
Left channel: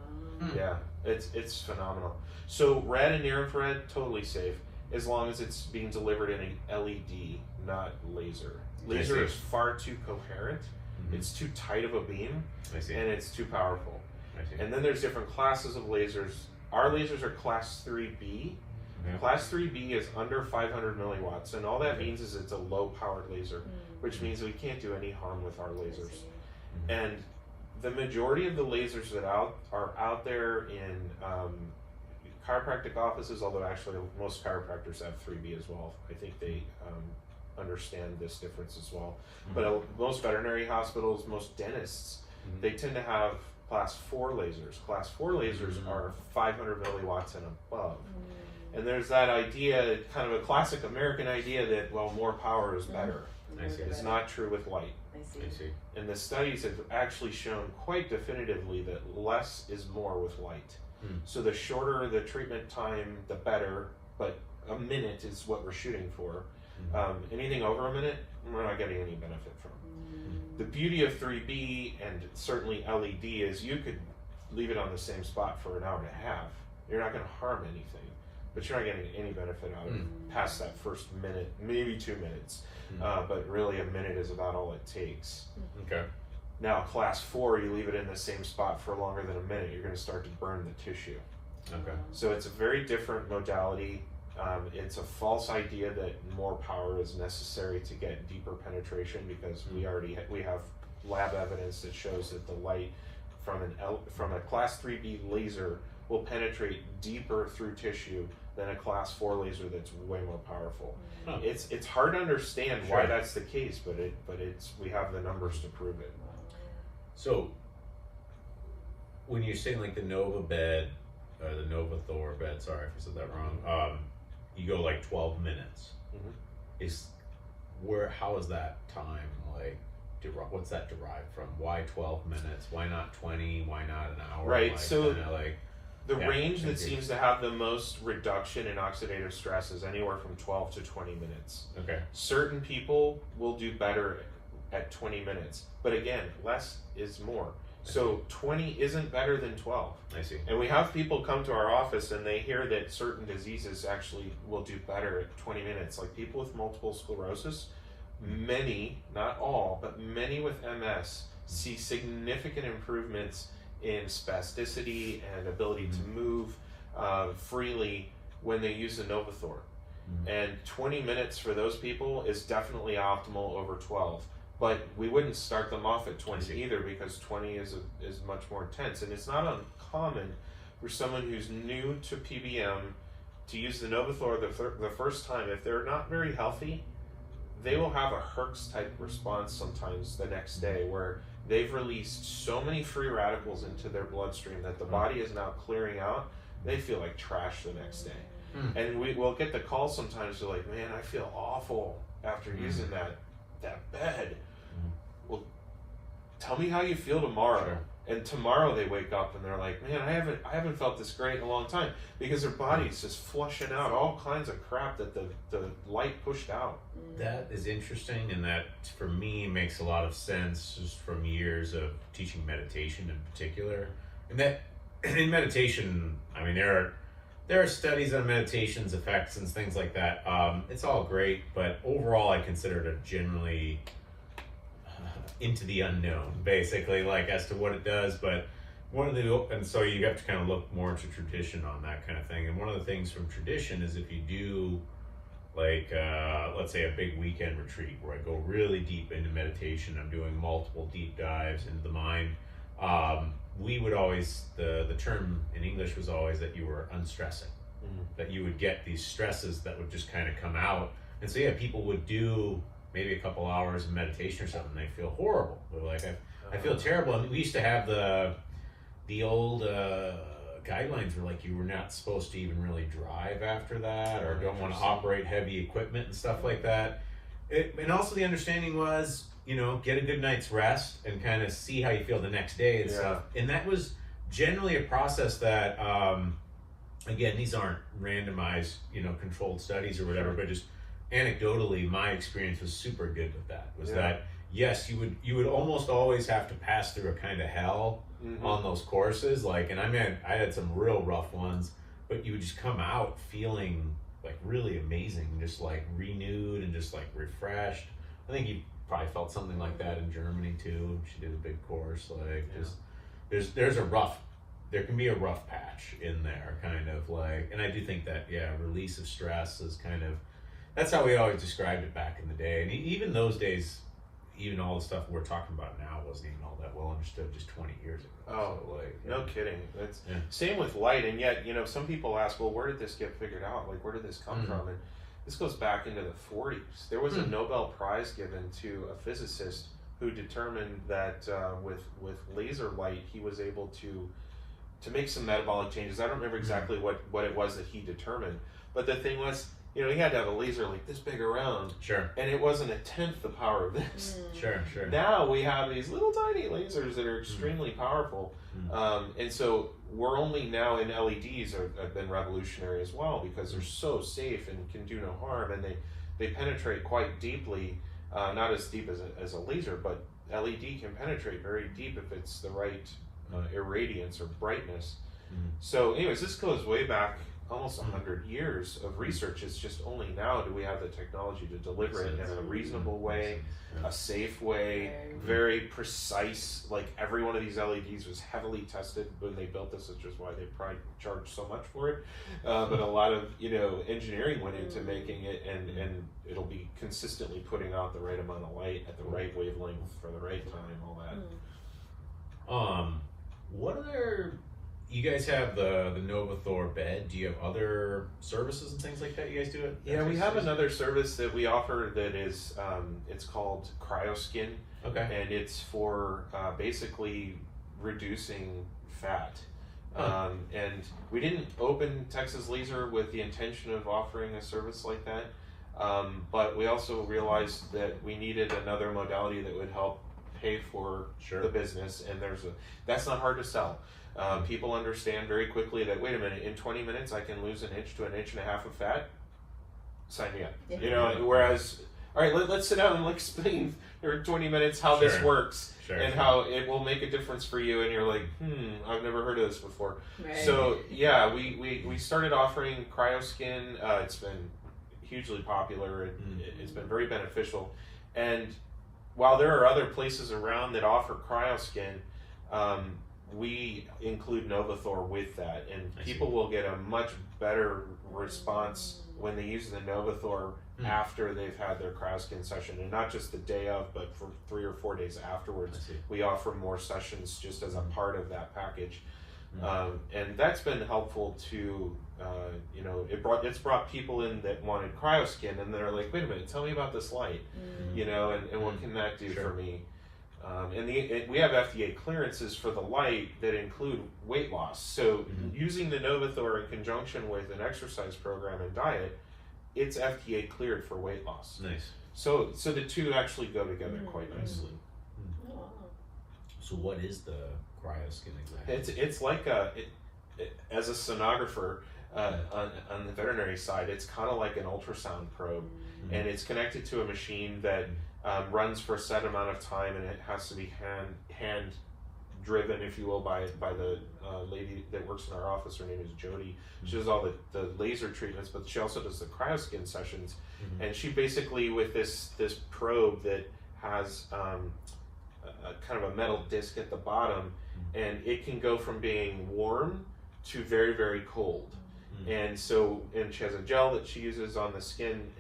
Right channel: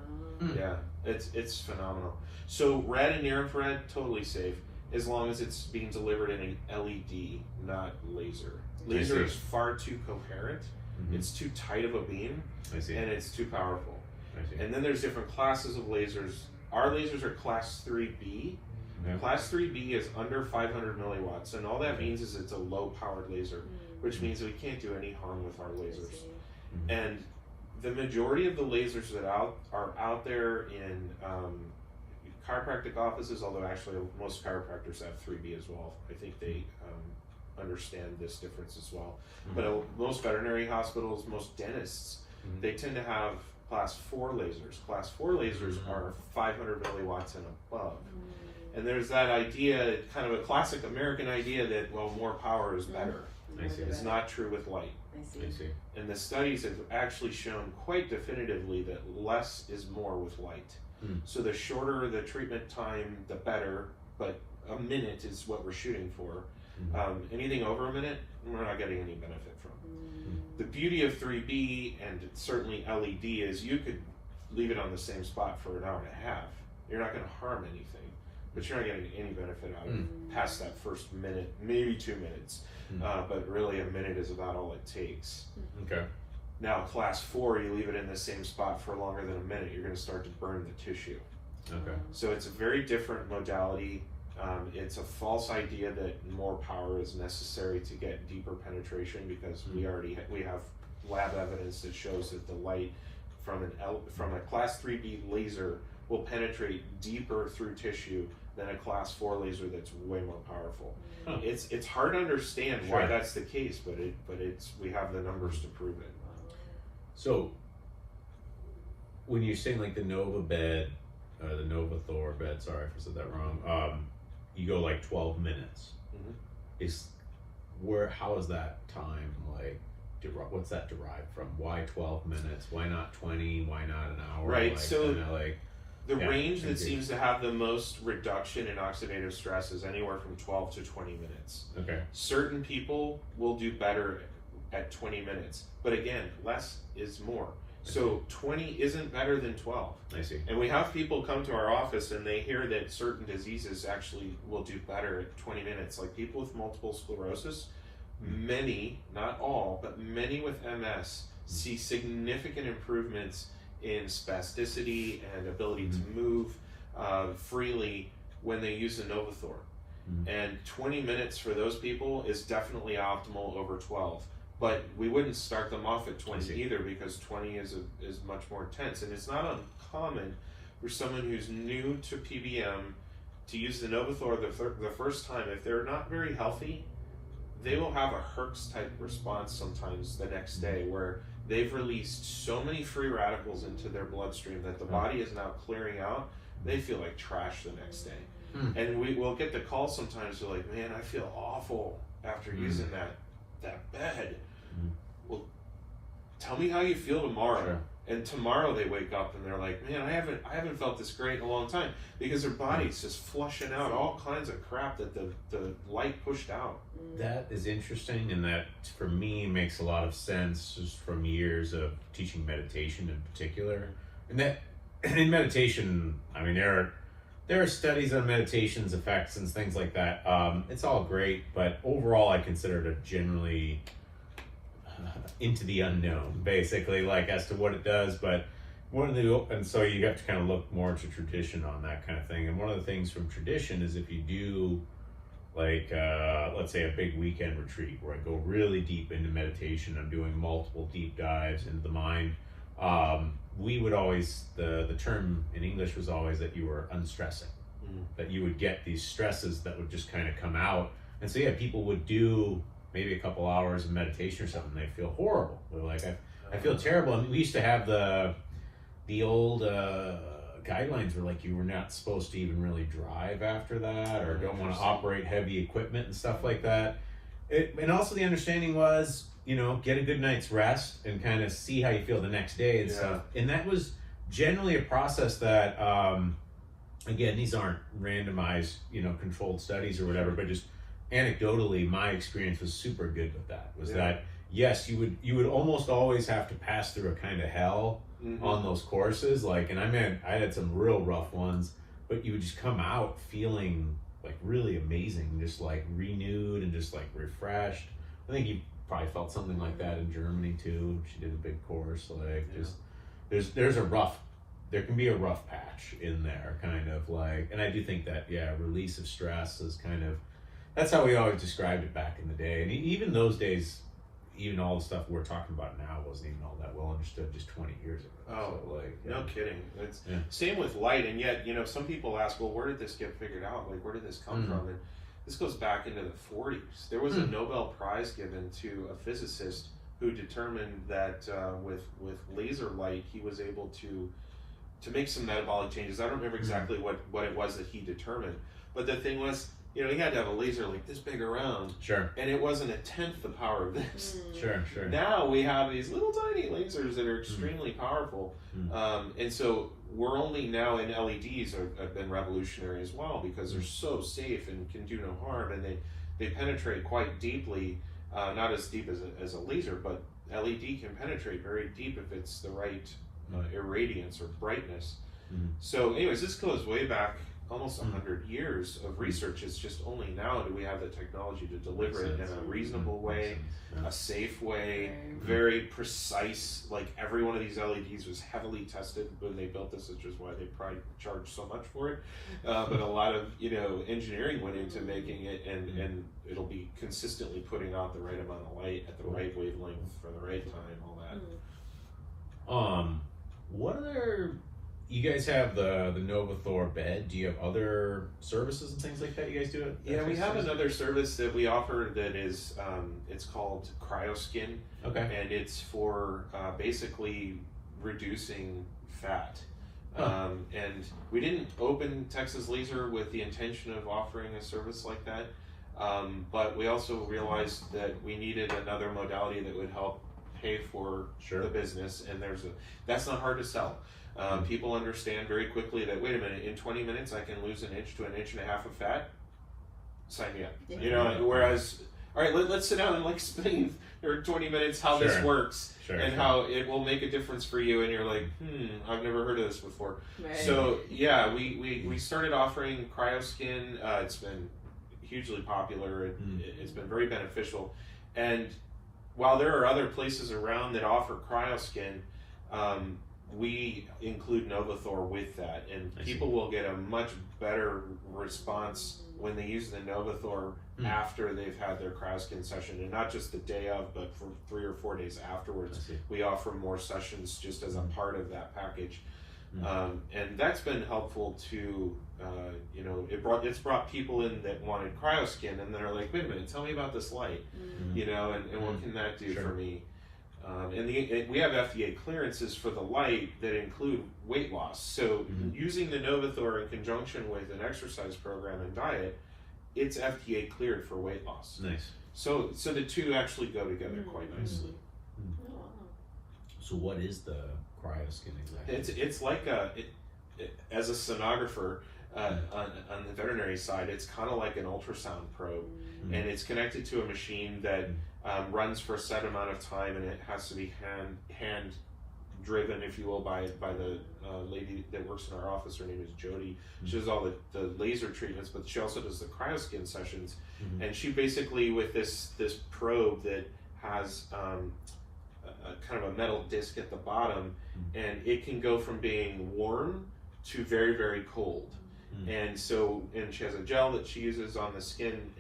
Yeah, it's phenomenal. So red and near infrared, totally safe, as long as it's being delivered in a LED, not laser. Laser is far too coherent. It's too tight of a beam, and it's too powerful. And then there's different classes of lasers. Our lasers are class 3B. Class 3B is under 500 milliwatts, and all that means is it's a low-powered laser, which means we can't do any harm with our lasers. And the majority of the lasers that are out there in chiropractic offices, although actually most chiropractors have 3B as well. I think they understand this difference as well. But most veterinary hospitals, most dentists, they tend to have class 4 lasers. Class 4 lasers are 500 milliwatts and above. And there's that idea, kind of a classic American idea that, well, more power is better. It's not true with light. I see. And the studies have actually shown quite definitively that less is more with light. So the shorter the treatment time, the better, but a minute is what we're shooting for. Anything over a minute, we're not getting any benefit from. The beauty of 3B and certainly LED is you could leave it on the same spot for an hour and a half. You're not going to harm anything, but you're not getting any benefit out of it past that first minute, maybe 2 minutes. But really a minute is about all it takes. Okay. Now class 4, you leave it in the same spot for longer than a minute, you're going to start to burn the tissue. Okay. So it's a very different modality. It's a false idea that more power is necessary to get deeper penetration, because we have lab evidence that shows that the light from a class 3B laser will penetrate deeper through tissue than a class 4 laser that's way more powerful. It's hard to understand why that's the case, but we have the numbers to prove it. So when you're saying like the Nova bed, the Novathor bed, sorry if I said that wrong, you go like 12 minutes. How is that time like? What's that derived from? Why 12 minutes? Why not 20? Why not an hour? Right. Like, So the Yeah, range that seems to have the most reduction in oxidative stress is anywhere from 12 to 20 minutes. Okay. Certain people will do better at 20 minutes, but again, less is more. So 20 isn't better than 12. I see. And we have people come to our office and they hear that certain diseases actually will do better at 20 minutes. Like people with multiple sclerosis, many, not all, but many with MS see significant improvements in spasticity and ability to move freely when they use the Novathor. And 20 minutes for those people is definitely optimal over 12. But we wouldn't start them off at 20 either, because 20 is much more intense. And it's not uncommon for someone who's new to PBM to use the Novathor the first time. If they're not very healthy, they will have a Herx type response sometimes the next day, where they've released so many free radicals into their bloodstream that the body is now clearing out. They feel like trash the next day. And we will get the call sometimes, they're like, man, I feel awful after using that bed. Well, tell me how you feel tomorrow. Sure. And tomorrow they wake up and they're like, man, I haven't felt this great in a long time, because their body's just flushing out all kinds of crap that the light pushed out. That is interesting, and that for me makes a lot of sense just from years of teaching meditation in particular. And that in meditation, I mean, there are studies on meditation's effects and things like that. It's all great, but overall I consider it a generally into the unknown, basically, like as to what it does. But and so you have to kind of look more to tradition on that kind of thing. And one of the things from tradition is if you do, like, let's say a big weekend retreat where I go really deep into meditation, I'm doing multiple deep dives into the mind. We would always, the term in English was always that you were unstressing, that you would get these stresses that would just kind of come out. And so, yeah, people would do maybe a couple hours of meditation or something, they feel horrible. They're like, I feel terrible. And we used to have the old guidelines were like, you were not supposed to even really drive after that, or don't want to operate heavy equipment and stuff like that. And also the understanding was, you know, get a good night's rest and kind of see how you feel the next day and stuff. And that was generally a process that, again, these aren't randomized, you know, controlled studies or whatever, but just anecdotally, my experience was super good with that. Was that, yes, you would almost always have to pass through a kind of hell on those courses. Like, and I had some real rough ones, but you would just come out feeling like really amazing, just like renewed and just like refreshed. I think you probably felt something like that in Germany too. She did a big course. Like, just there can be a rough patch in there, kind of like. And I do think that release of stress is kind of, that's how we always described it back in the day. And even those days, even all the stuff we're talking about now wasn't even all that well understood just 20 years ago. Oh, so, like, no kidding. It's same with light. And yet, you know, some people ask, well, where did this get figured out? Like, where did this come from? And this goes back into the 40s. There was a Nobel Prize given to a physicist who determined that with laser light, he was able to make some metabolic changes. I don't remember exactly what it was that he determined. But the thing was, you know, he had to have a laser like this big around. Sure. And it wasn't a tenth the power of this. Sure. Now we have these little tiny lasers that are extremely powerful. And so we're only now in LEDs have been revolutionary as well, because they're so safe and can do no harm, and they penetrate quite deeply, not as deep as a laser, but LED can penetrate very deep if it's the right irradiance or brightness. So anyways, this goes way back almost 100 years of research. It's just only now do we have the technology to deliver it in a reasonable way, a safe way, very precise. Like, every one of these LEDs was heavily tested when they built this, which is why they probably charged so much for it. But a lot of, you know, engineering went into making it, and it'll be consistently putting out the right amount of light at the right wavelength for the right time, all that. What other? You guys have the Novathor bed. Do you have other services and things like that you guys do? Yeah, we have another service that we offer that is, it's called CryoSkin. Okay. And it's for basically reducing fat. And we didn't open Texas Laser with the intention of offering a service like that. But we also realized that we needed another modality that would help pay for the business. And that's not hard to sell. People understand very quickly that, wait a minute, in 20 minutes I can lose an inch to an inch and a half of fat. Sign me up. You know, whereas, all right, let's sit down and explain for 20 minutes how this works and how it will make a difference for you. And you're like, I've never heard of this before. Right. So yeah, we started offering CryoSkin. It's been hugely popular. It's been very beneficial. And while there are other places around that offer CryoSkin, we include Novathor with that, and people will get a much better response when they use the Novathor after they've had their cryoskin session, and not just the day of, but for 3 or 4 days afterwards. We offer more sessions just as a part of that package. And that's been helpful to, you know, it's brought people in that wanted cryoskin, and they're like, wait a minute, tell me about this light, you know, and what can that do for me? And we have FDA clearances for the light that include weight loss. So using the Novathor in conjunction with an exercise program and diet, it's FDA cleared for weight loss. Nice. So the two actually go together quite nicely. So what is the cryoskin exactly? It's like as a sonographer on the veterinary side, it's kind of like an ultrasound probe, and it's connected to a machine that runs for a set amount of time, and it has to be hand driven, if you will, by the lady that works in our office. Her name is Jody. She does all the laser treatments, but she also does the cryoskin sessions. And she basically, with this probe that has a kind of a metal disc at the bottom, and it can go from being warm to very, very cold. And she has a gel that she uses on the skin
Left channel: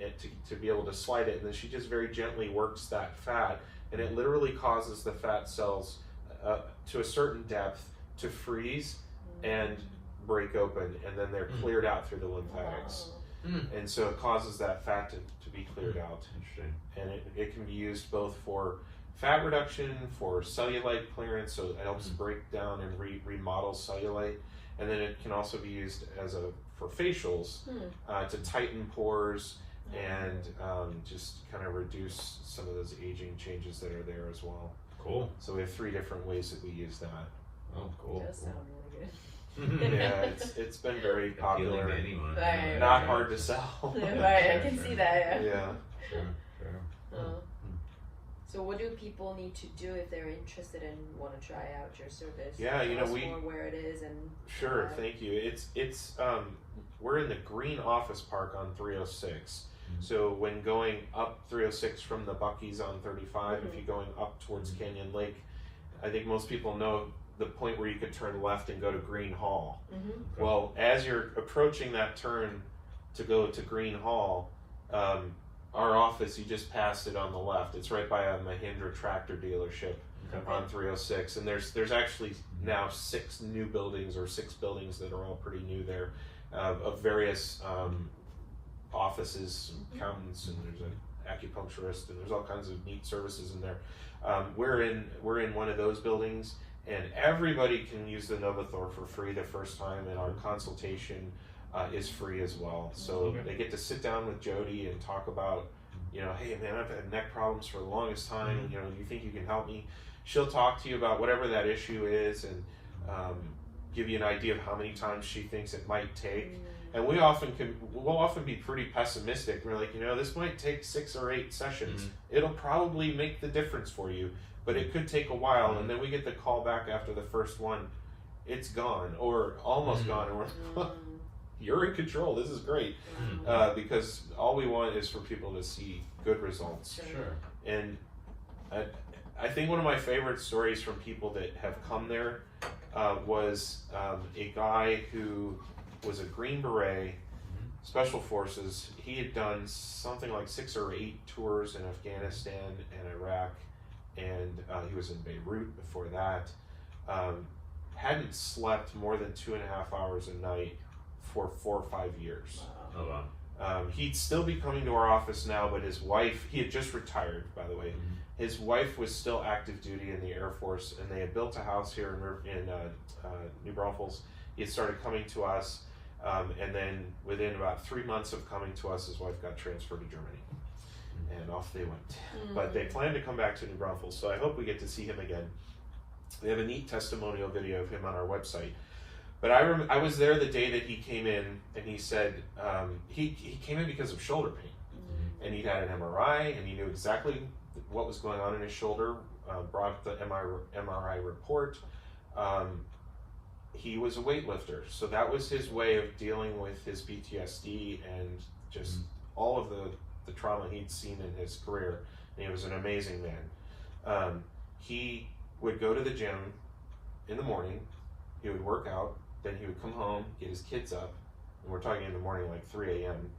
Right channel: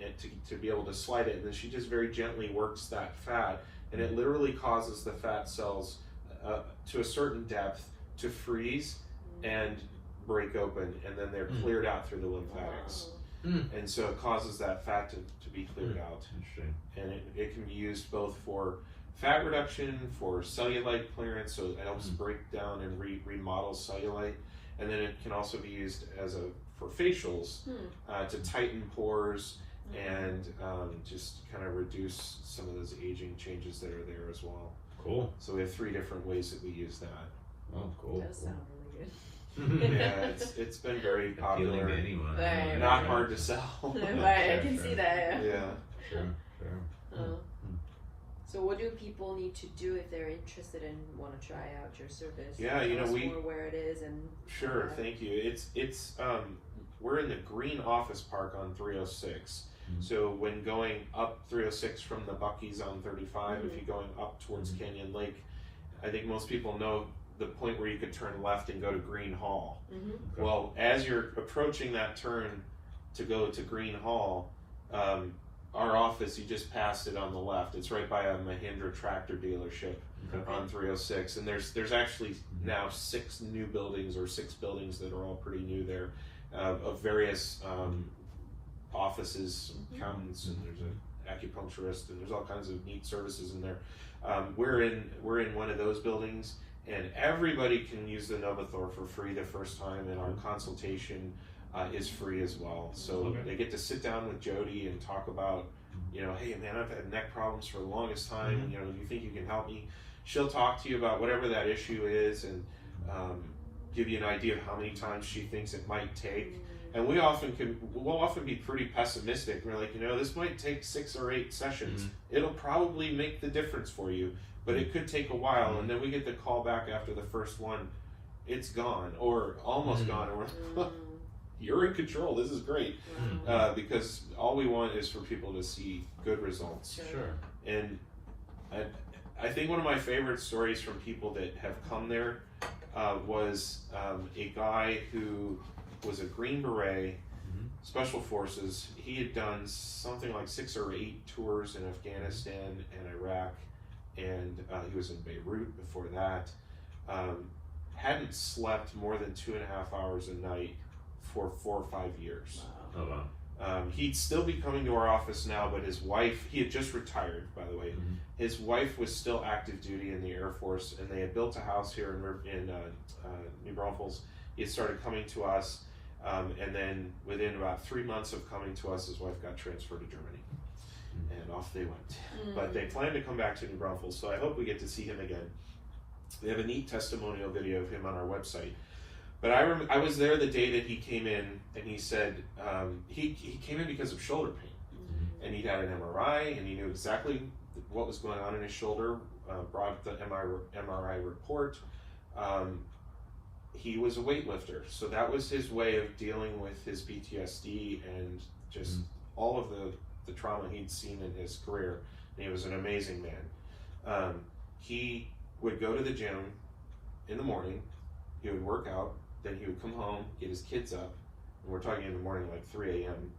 to be able to slide it, and then she just very gently works that fat, and it literally causes the fat cells to a certain depth to freeze and break open, and then they're cleared out through the lymphatics. And so it causes that fat to be cleared out. And it can be used both for fat reduction, for cellulite clearance, so it helps break down and remodel cellulite. And then it can also be used for facials to tighten pores and just kind of reduce some of those aging changes that are there as well. Cool. So we have 3 different ways that we use that. Oh, cool. That does sound really good. Yeah, it's been very popular. Right, Not hard to sell. Right, I can see that. Yeah. Sure. So what do people need to do if they're interested and want to try out your service? Yeah, you know, Tell us more where it is and sure, thank you. It's we're in the Green Office Park on 306. So when going up 306 from the Buc-ee's on 35, if you're going up towards Canyon Lake, I think most people know the point where you could turn left and go to Green Hall. Well, as you're approaching that turn to go to Green Hall, our office, you just pass it on the left. It's right by a Mahindra tractor dealership on 306. And there's actually now 6 new buildings, or 6 buildings that are all pretty new there, of various offices, accountants, and there's an acupuncturist, and there's all kinds of neat services in there. We're in one of those buildings, and everybody can use the Novathor for free the first time, and our consultation is free as well. So they get to sit down with Jody and talk about, you know, hey man, I've had neck problems for the longest time, and you know, you think you can help me? She'll talk to you about whatever that issue is, and give you an idea of how many times she thinks it might take. And we'll often be pretty pessimistic. We're like, you know, this might take 6 or 8 sessions. It'll probably make the difference for you, but it could take a while. And then we get the call back after the first one, it's gone, or almost gone, and we're you're in control. This is great, because all we want is for people to see good results. Sure. And I think one of my favorite stories from people that have come there was a guy who was a Green Beret, Special Forces. He had done something like 6 or 8 tours in Afghanistan and Iraq, and he was in Beirut before that. Hadn't slept more than 2.5 hours a night for 4 or 5 years. Oh, wow. He'd still be coming to our office now, but his wife, he had just retired, by the way. His wife was still active duty in the Air Force, and they had built a house here in New Braunfels. He had started coming to us, and then within about 3 months of coming to us, his wife got transferred to Germany. And off they went. But they plan to come back to New Braunfels, so I hope we get to see him again. We have a neat testimonial video of him on our website. But I was there the day that he came in, and he said he came in because of shoulder pain. And he'd had an MRI, and he knew exactly what was going on in his shoulder, brought the MRI report. He was a weightlifter, so that was his way of dealing with his PTSD and just all of the trauma he'd seen in his career. And he was an amazing man. He would go to the gym in the morning, he would work out, then he would come home, get his kids up, and we're talking in the morning like 3 a.m.,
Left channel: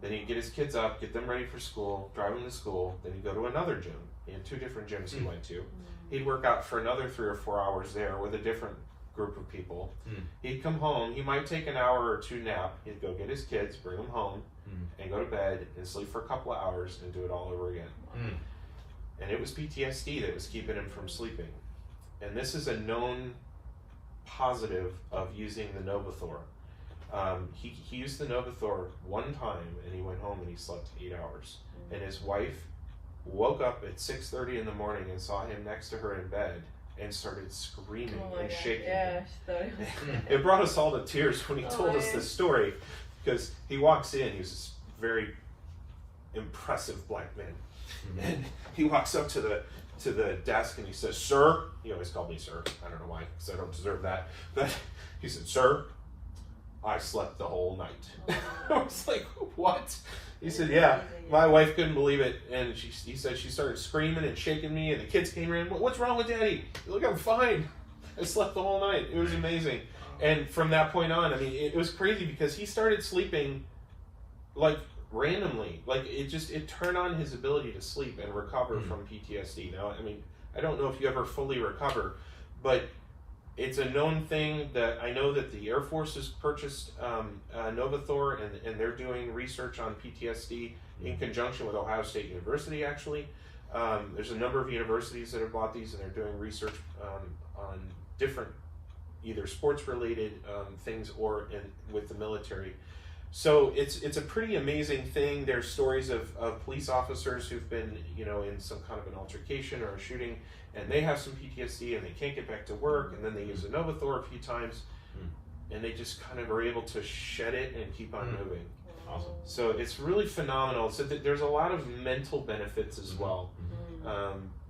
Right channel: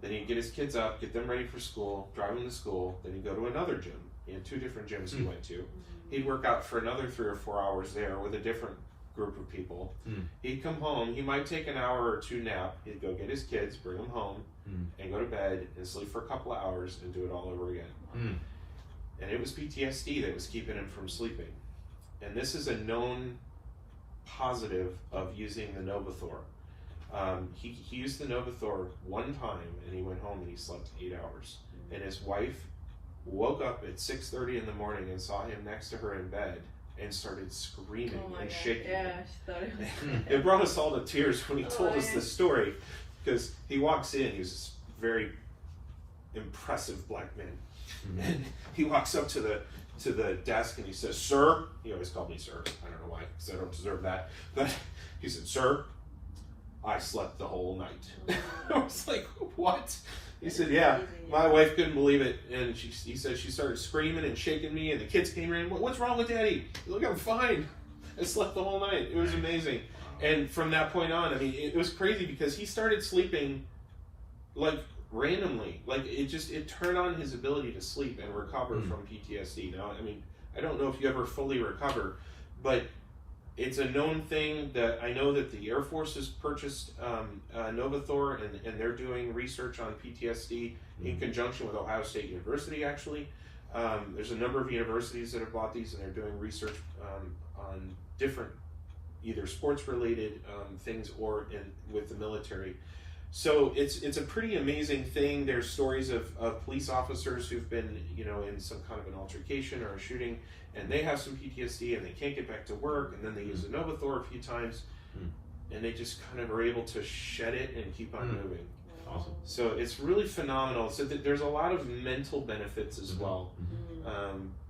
Then he'd get his kids up, get them ready for school, drive them to school. Then he'd go to another gym. He had 2 different gyms he went to. He'd work out for another 3 or 4 hours there with a different group of people. He'd come home. He might take an hour or 2 nap. He'd go get his kids, bring them home, and go to bed and sleep for a couple of hours and do it all over again. And it was PTSD that was keeping him from sleeping. And this is a known positive of using the Novathor. He used the Novathor one time, and he went home and he slept 8 hours. And his wife woke up at 6:30 in the morning and saw him next to her in bed and started screaming and shaking. Yeah, It brought us all to tears when he told us this story, because he walks in, he's this very impressive black man, and he walks up to the desk and he says, "Sir," he always called me sir, I don't know why, because I don't deserve that, but he said, "Sir, I slept the whole night." I was like, "What?" He said, "Yeah, my wife couldn't believe it, and he said she started screaming and shaking me, and the kids came in. What's wrong with Daddy? Look, I'm fine. I slept the whole night. It was amazing." And from that point on, I mean, it was crazy because he started sleeping like randomly. Like it turned on his ability to sleep and recover from PTSD. Now, I mean, I don't know if you ever fully recover, but it's a known thing that I know that the Air Force has purchased Novathor, and they're doing research on PTSD in conjunction with Ohio State University, actually. There's a number of universities that have bought these, and they're doing research on different either sports-related things or with the military. So it's a pretty amazing thing. There's stories of police officers who've been, in some kind of an altercation or a shooting, and they have some PTSD and they can't get back to work, and then they use a Novathor a few times, and they just kind of are able to shed it and keep on moving. Awesome. So it's really phenomenal. So there's a lot of mental benefits as well.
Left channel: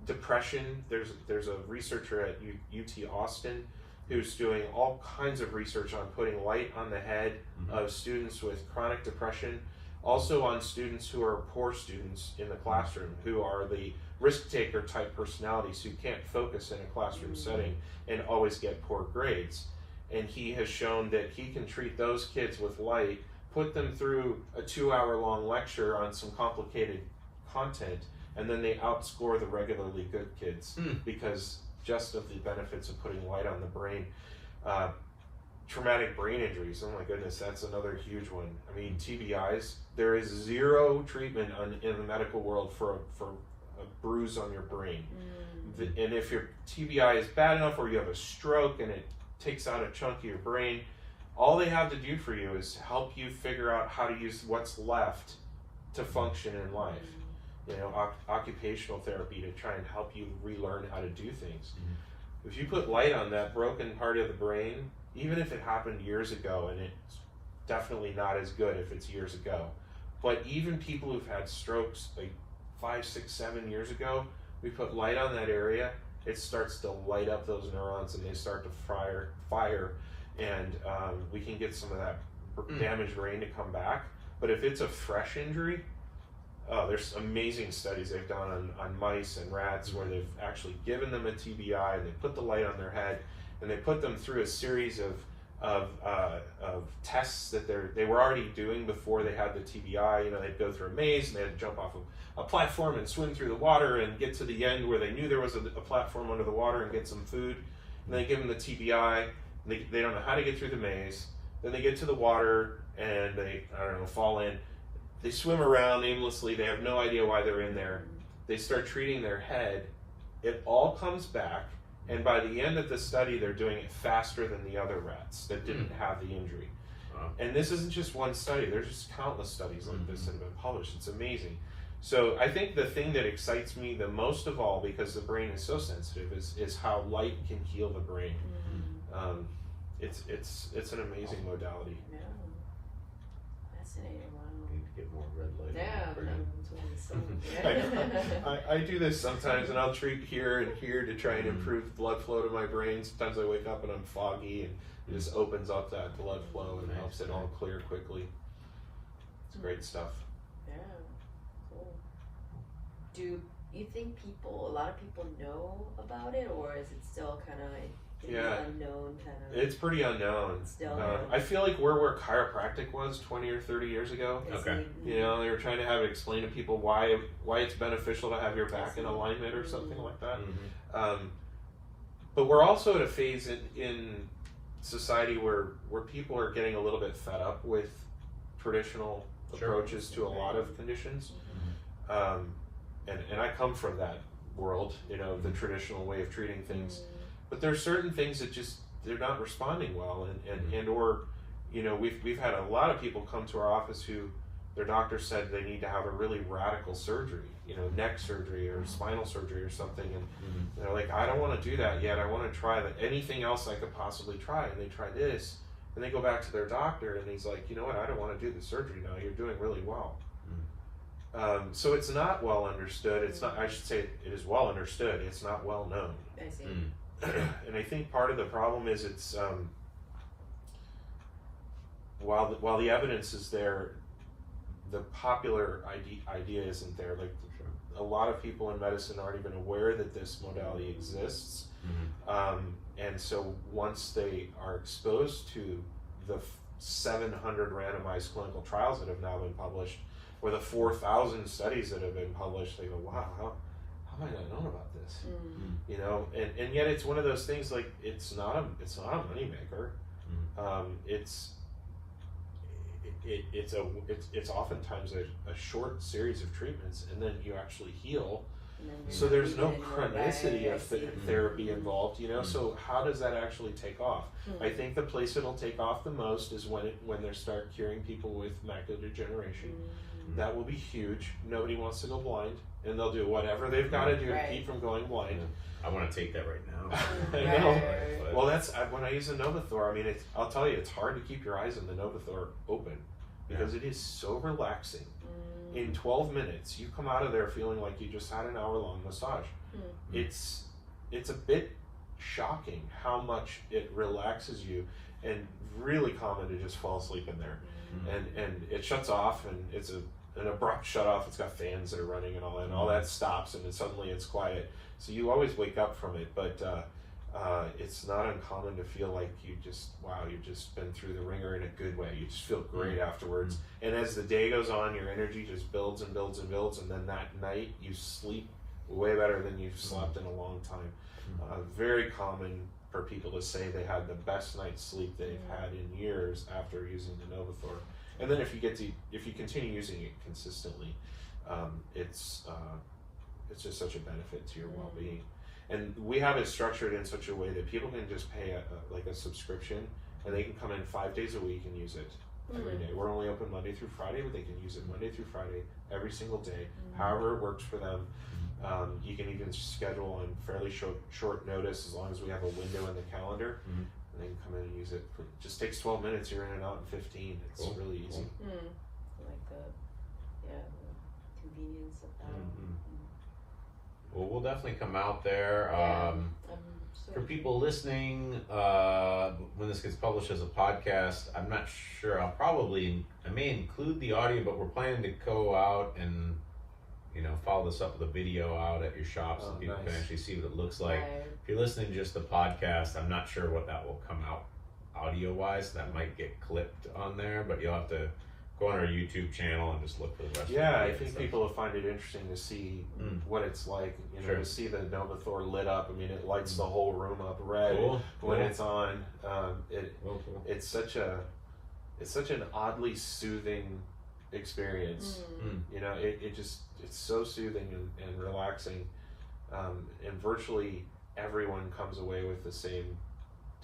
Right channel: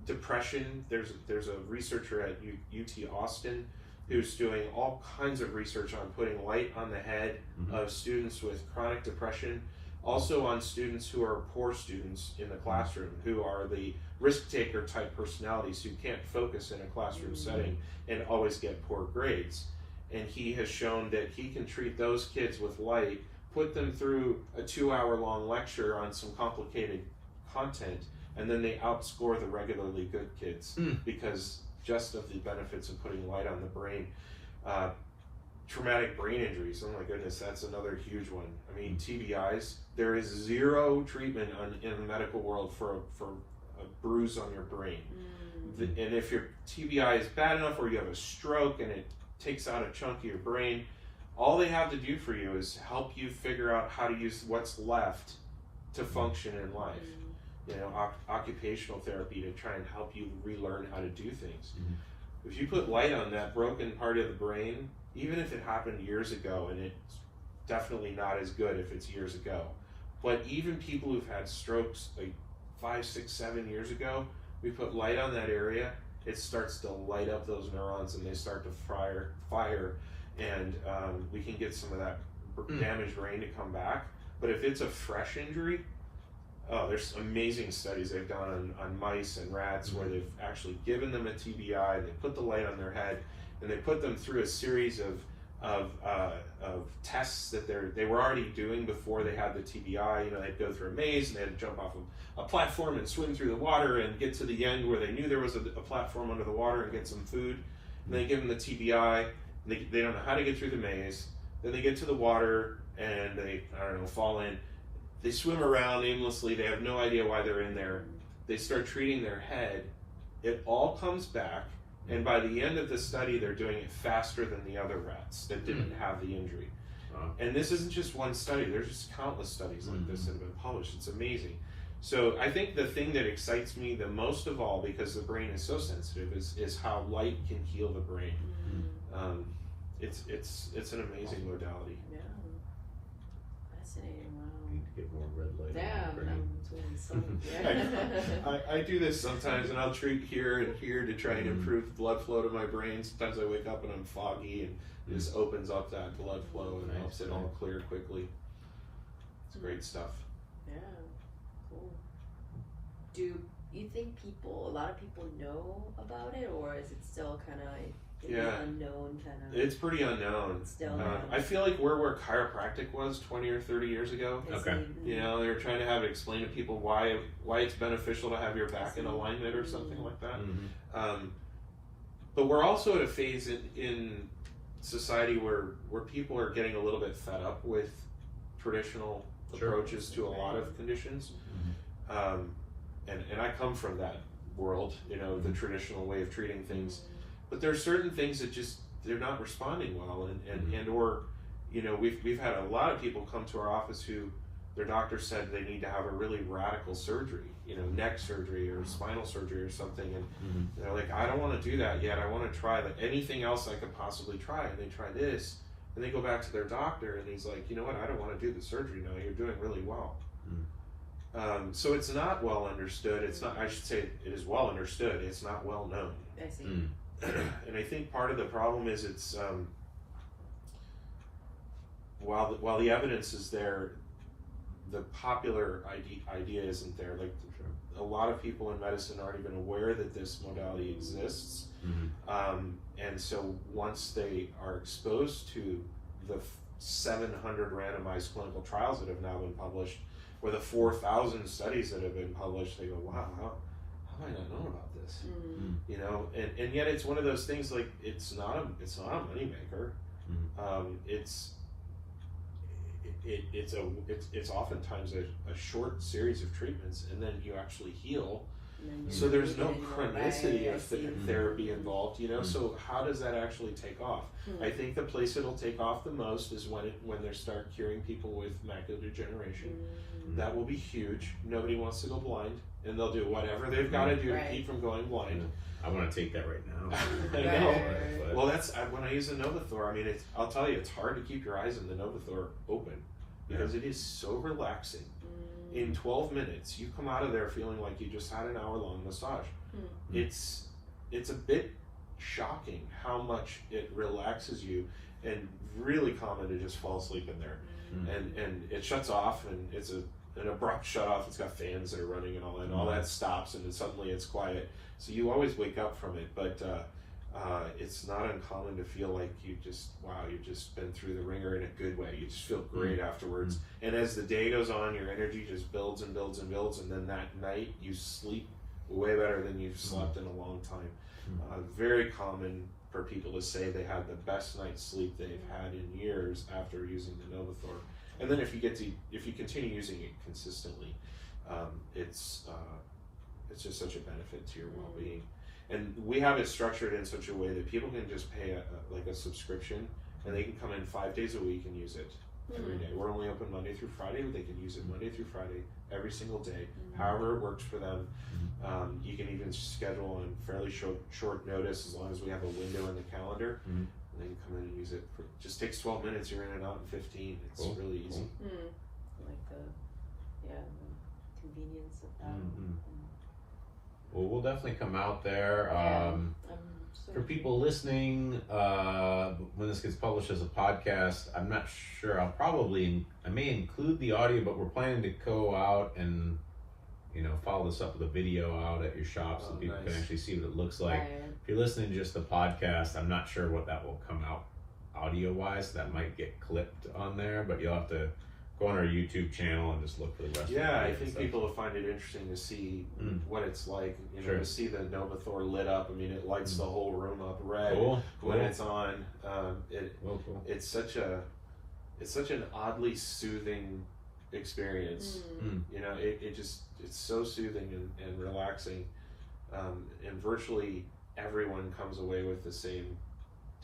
Depression, there's a researcher at UT Austin who's doing all kinds of research on putting light on the head of students with chronic depression, also on students who are poor students in the classroom, who are the risk-taker type personalities who can't focus in a classroom setting and always get poor grades. And he has shown that he can treat those kids with light, put them through a 2-hour-long lecture on some complicated content, and then they outscore the regularly good kids because just of the benefits of putting light on the brain. Traumatic brain injuries, oh my goodness, that's another huge one. I mean, TBIs, there is zero treatment in the medical world for a bruise on your brain. And if your TBI is bad enough, or you have a stroke and it takes out a chunk of your brain, all they have to do for you is help you figure out how to use what's left to function in life. Occupational therapy to try and help you relearn how to do things. If you put light on that broken part of the brain, even if it happened years ago, and it's definitely not as good if it's years ago, but even people who've had strokes like 5, 6, 7 years ago, we put light on that area, it starts to light up those neurons and they start to fire, and we can get some of that damaged brain to come back. But if it's a fresh injury, there's amazing studies they've done on mice and rats where they've actually given them a TBI, and they put the light on their head, and they put them through a series of tests that they were already doing before they had the TBI. They'd go through a maze, and they had to jump off of a platform and swim through the water and get to the end where they knew there was a platform under the water and get some food. And they give them the TBI. They don't know how to get through the maze. Then they get to the water and they, fall in. They swim around aimlessly. They have no idea why they're in there. They start treating their head. It all comes back. And by the end of the study, they're doing it faster than the other rats that didn't have the injury. And this isn't just one study. There's just countless studies like this that have been published. It's amazing. So I think the thing that excites me the most of all, because the brain is so sensitive, is how light can heal the brain. It's an amazing modality. Yeah. Fascinating. Wow. We need to get more red light. Yeah. I do this sometimes, and I'll treat here and here to try and improve blood flow to my brain. Sometimes I wake up and I'm foggy, and it just opens up that blood flow and helps it all clear quickly. It's great stuff. Yeah. Cool. Do you think a lot of people know about it, or is it still kind of Yeah. Unknown kind of. It's pretty unknown. Still. I feel like where chiropractic was 20 or 30 years ago. Okay. You know, they were trying to have it explain to people why it's beneficial to have your back in alignment or something like that. But we're also at a phase in society where people are getting a little bit fed up with traditional approaches to a lot of conditions. And I come from that world, you know, the traditional way of treating things. But there are certain things that just they're not responding well, and or, you know, we've had a lot of people come to our office who their doctor said they need to have a really radical surgery, you know, neck surgery or spinal surgery or something, and they're like, I don't want to do that yet. I want to try anything else I could possibly try, and they try this, and they go back to their doctor, and he's like, you know what, I don't want to do the surgery now. You're doing really well. So it's not well understood. It's not. I should say it is well understood. It's not well known. I see. And I think part of the problem is it's while the evidence is there, the popular idea isn't there. Like a lot of people in medicine aren't even aware that this modality exists, and so once they are exposed to the 700 randomized clinical trials that have now been published, or the 4,000 studies that have been published, they go, wow, how have I not known about this? You know, and yet it's one of those things, like it's not a moneymaker. It's oftentimes a short series of treatments, and then you actually heal. So there's no chronicity of therapy involved, you know. So how does that actually take off? I think the place it'll take off the most is when they start curing people with macular degeneration. That will be huge. Nobody wants to go blind, and they'll do whatever they've got to do to keep from going blind. I want to take that right now. I know. Well, that's when I use a Novathor. I mean, I'll tell you, it's hard to keep your eyes on the Novathor open because it is so relaxing. In 12 minutes, you come out of there feeling like you just had an hour-long massage. It's a bit shocking how much it relaxes you, and really common to just fall asleep in there. And it shuts off, and it's an abrupt shut off. It's got fans that are running and all that, and all that stops, and then suddenly it's quiet. So you always wake up from it, but it's not uncommon to feel like you've just been through the ringer in a good way. You just feel great afterwards. And as the day goes on, your energy just builds and builds and builds, and then that night you sleep way better than you've slept in a long time. Very common for people to say they had the best night's sleep they've had in years after using the Novathor. And then if you continue using it consistently, it's just such a benefit to your well-being. And we have it structured in such a way that people can just pay a subscription, and they can come in 5 days a week and use it every day. We're only open Monday through Friday, but they can use it Monday through Friday every single day, however it works for them. You can even schedule on fairly short notice, as long as we have a window in the calendar. And they can come in and use it. It just takes 12 minutes. You're in and out in 15. It's really easy. Like the convenience of that. Well, we'll definitely come out there. For people listening, when this gets published as a podcast, I'm not sure. I may include the audio, but we're planning to go out and, you know, follow this up with a video out at your shop so people can actually see what it looks like. If you're listening to just the podcast, I'm not sure what that will come out audio-wise. That might get clipped on there, but you'll have to go on our YouTube channel and just look for the rest of it. I think people will find it interesting to see what it's like, you know, to see the Novathor lit up. I mean, it lights the whole room up red when it's on. It's such an oddly soothing experience. You know, it's so soothing and relaxing, and virtually everyone comes away with the same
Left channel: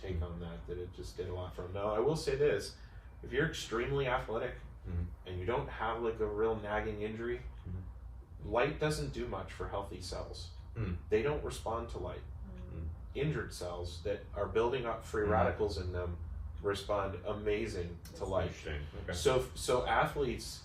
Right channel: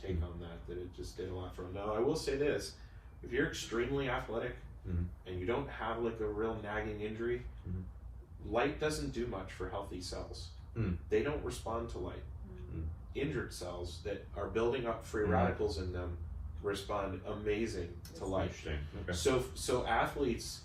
take on that it just did a lot for them. Now, I will say this: if you're extremely athletic and you don't have like a real nagging injury, light doesn't do much for healthy cells. They don't respond to light. Injured cells that are building up free radicals in them respond amazing to light. So athletes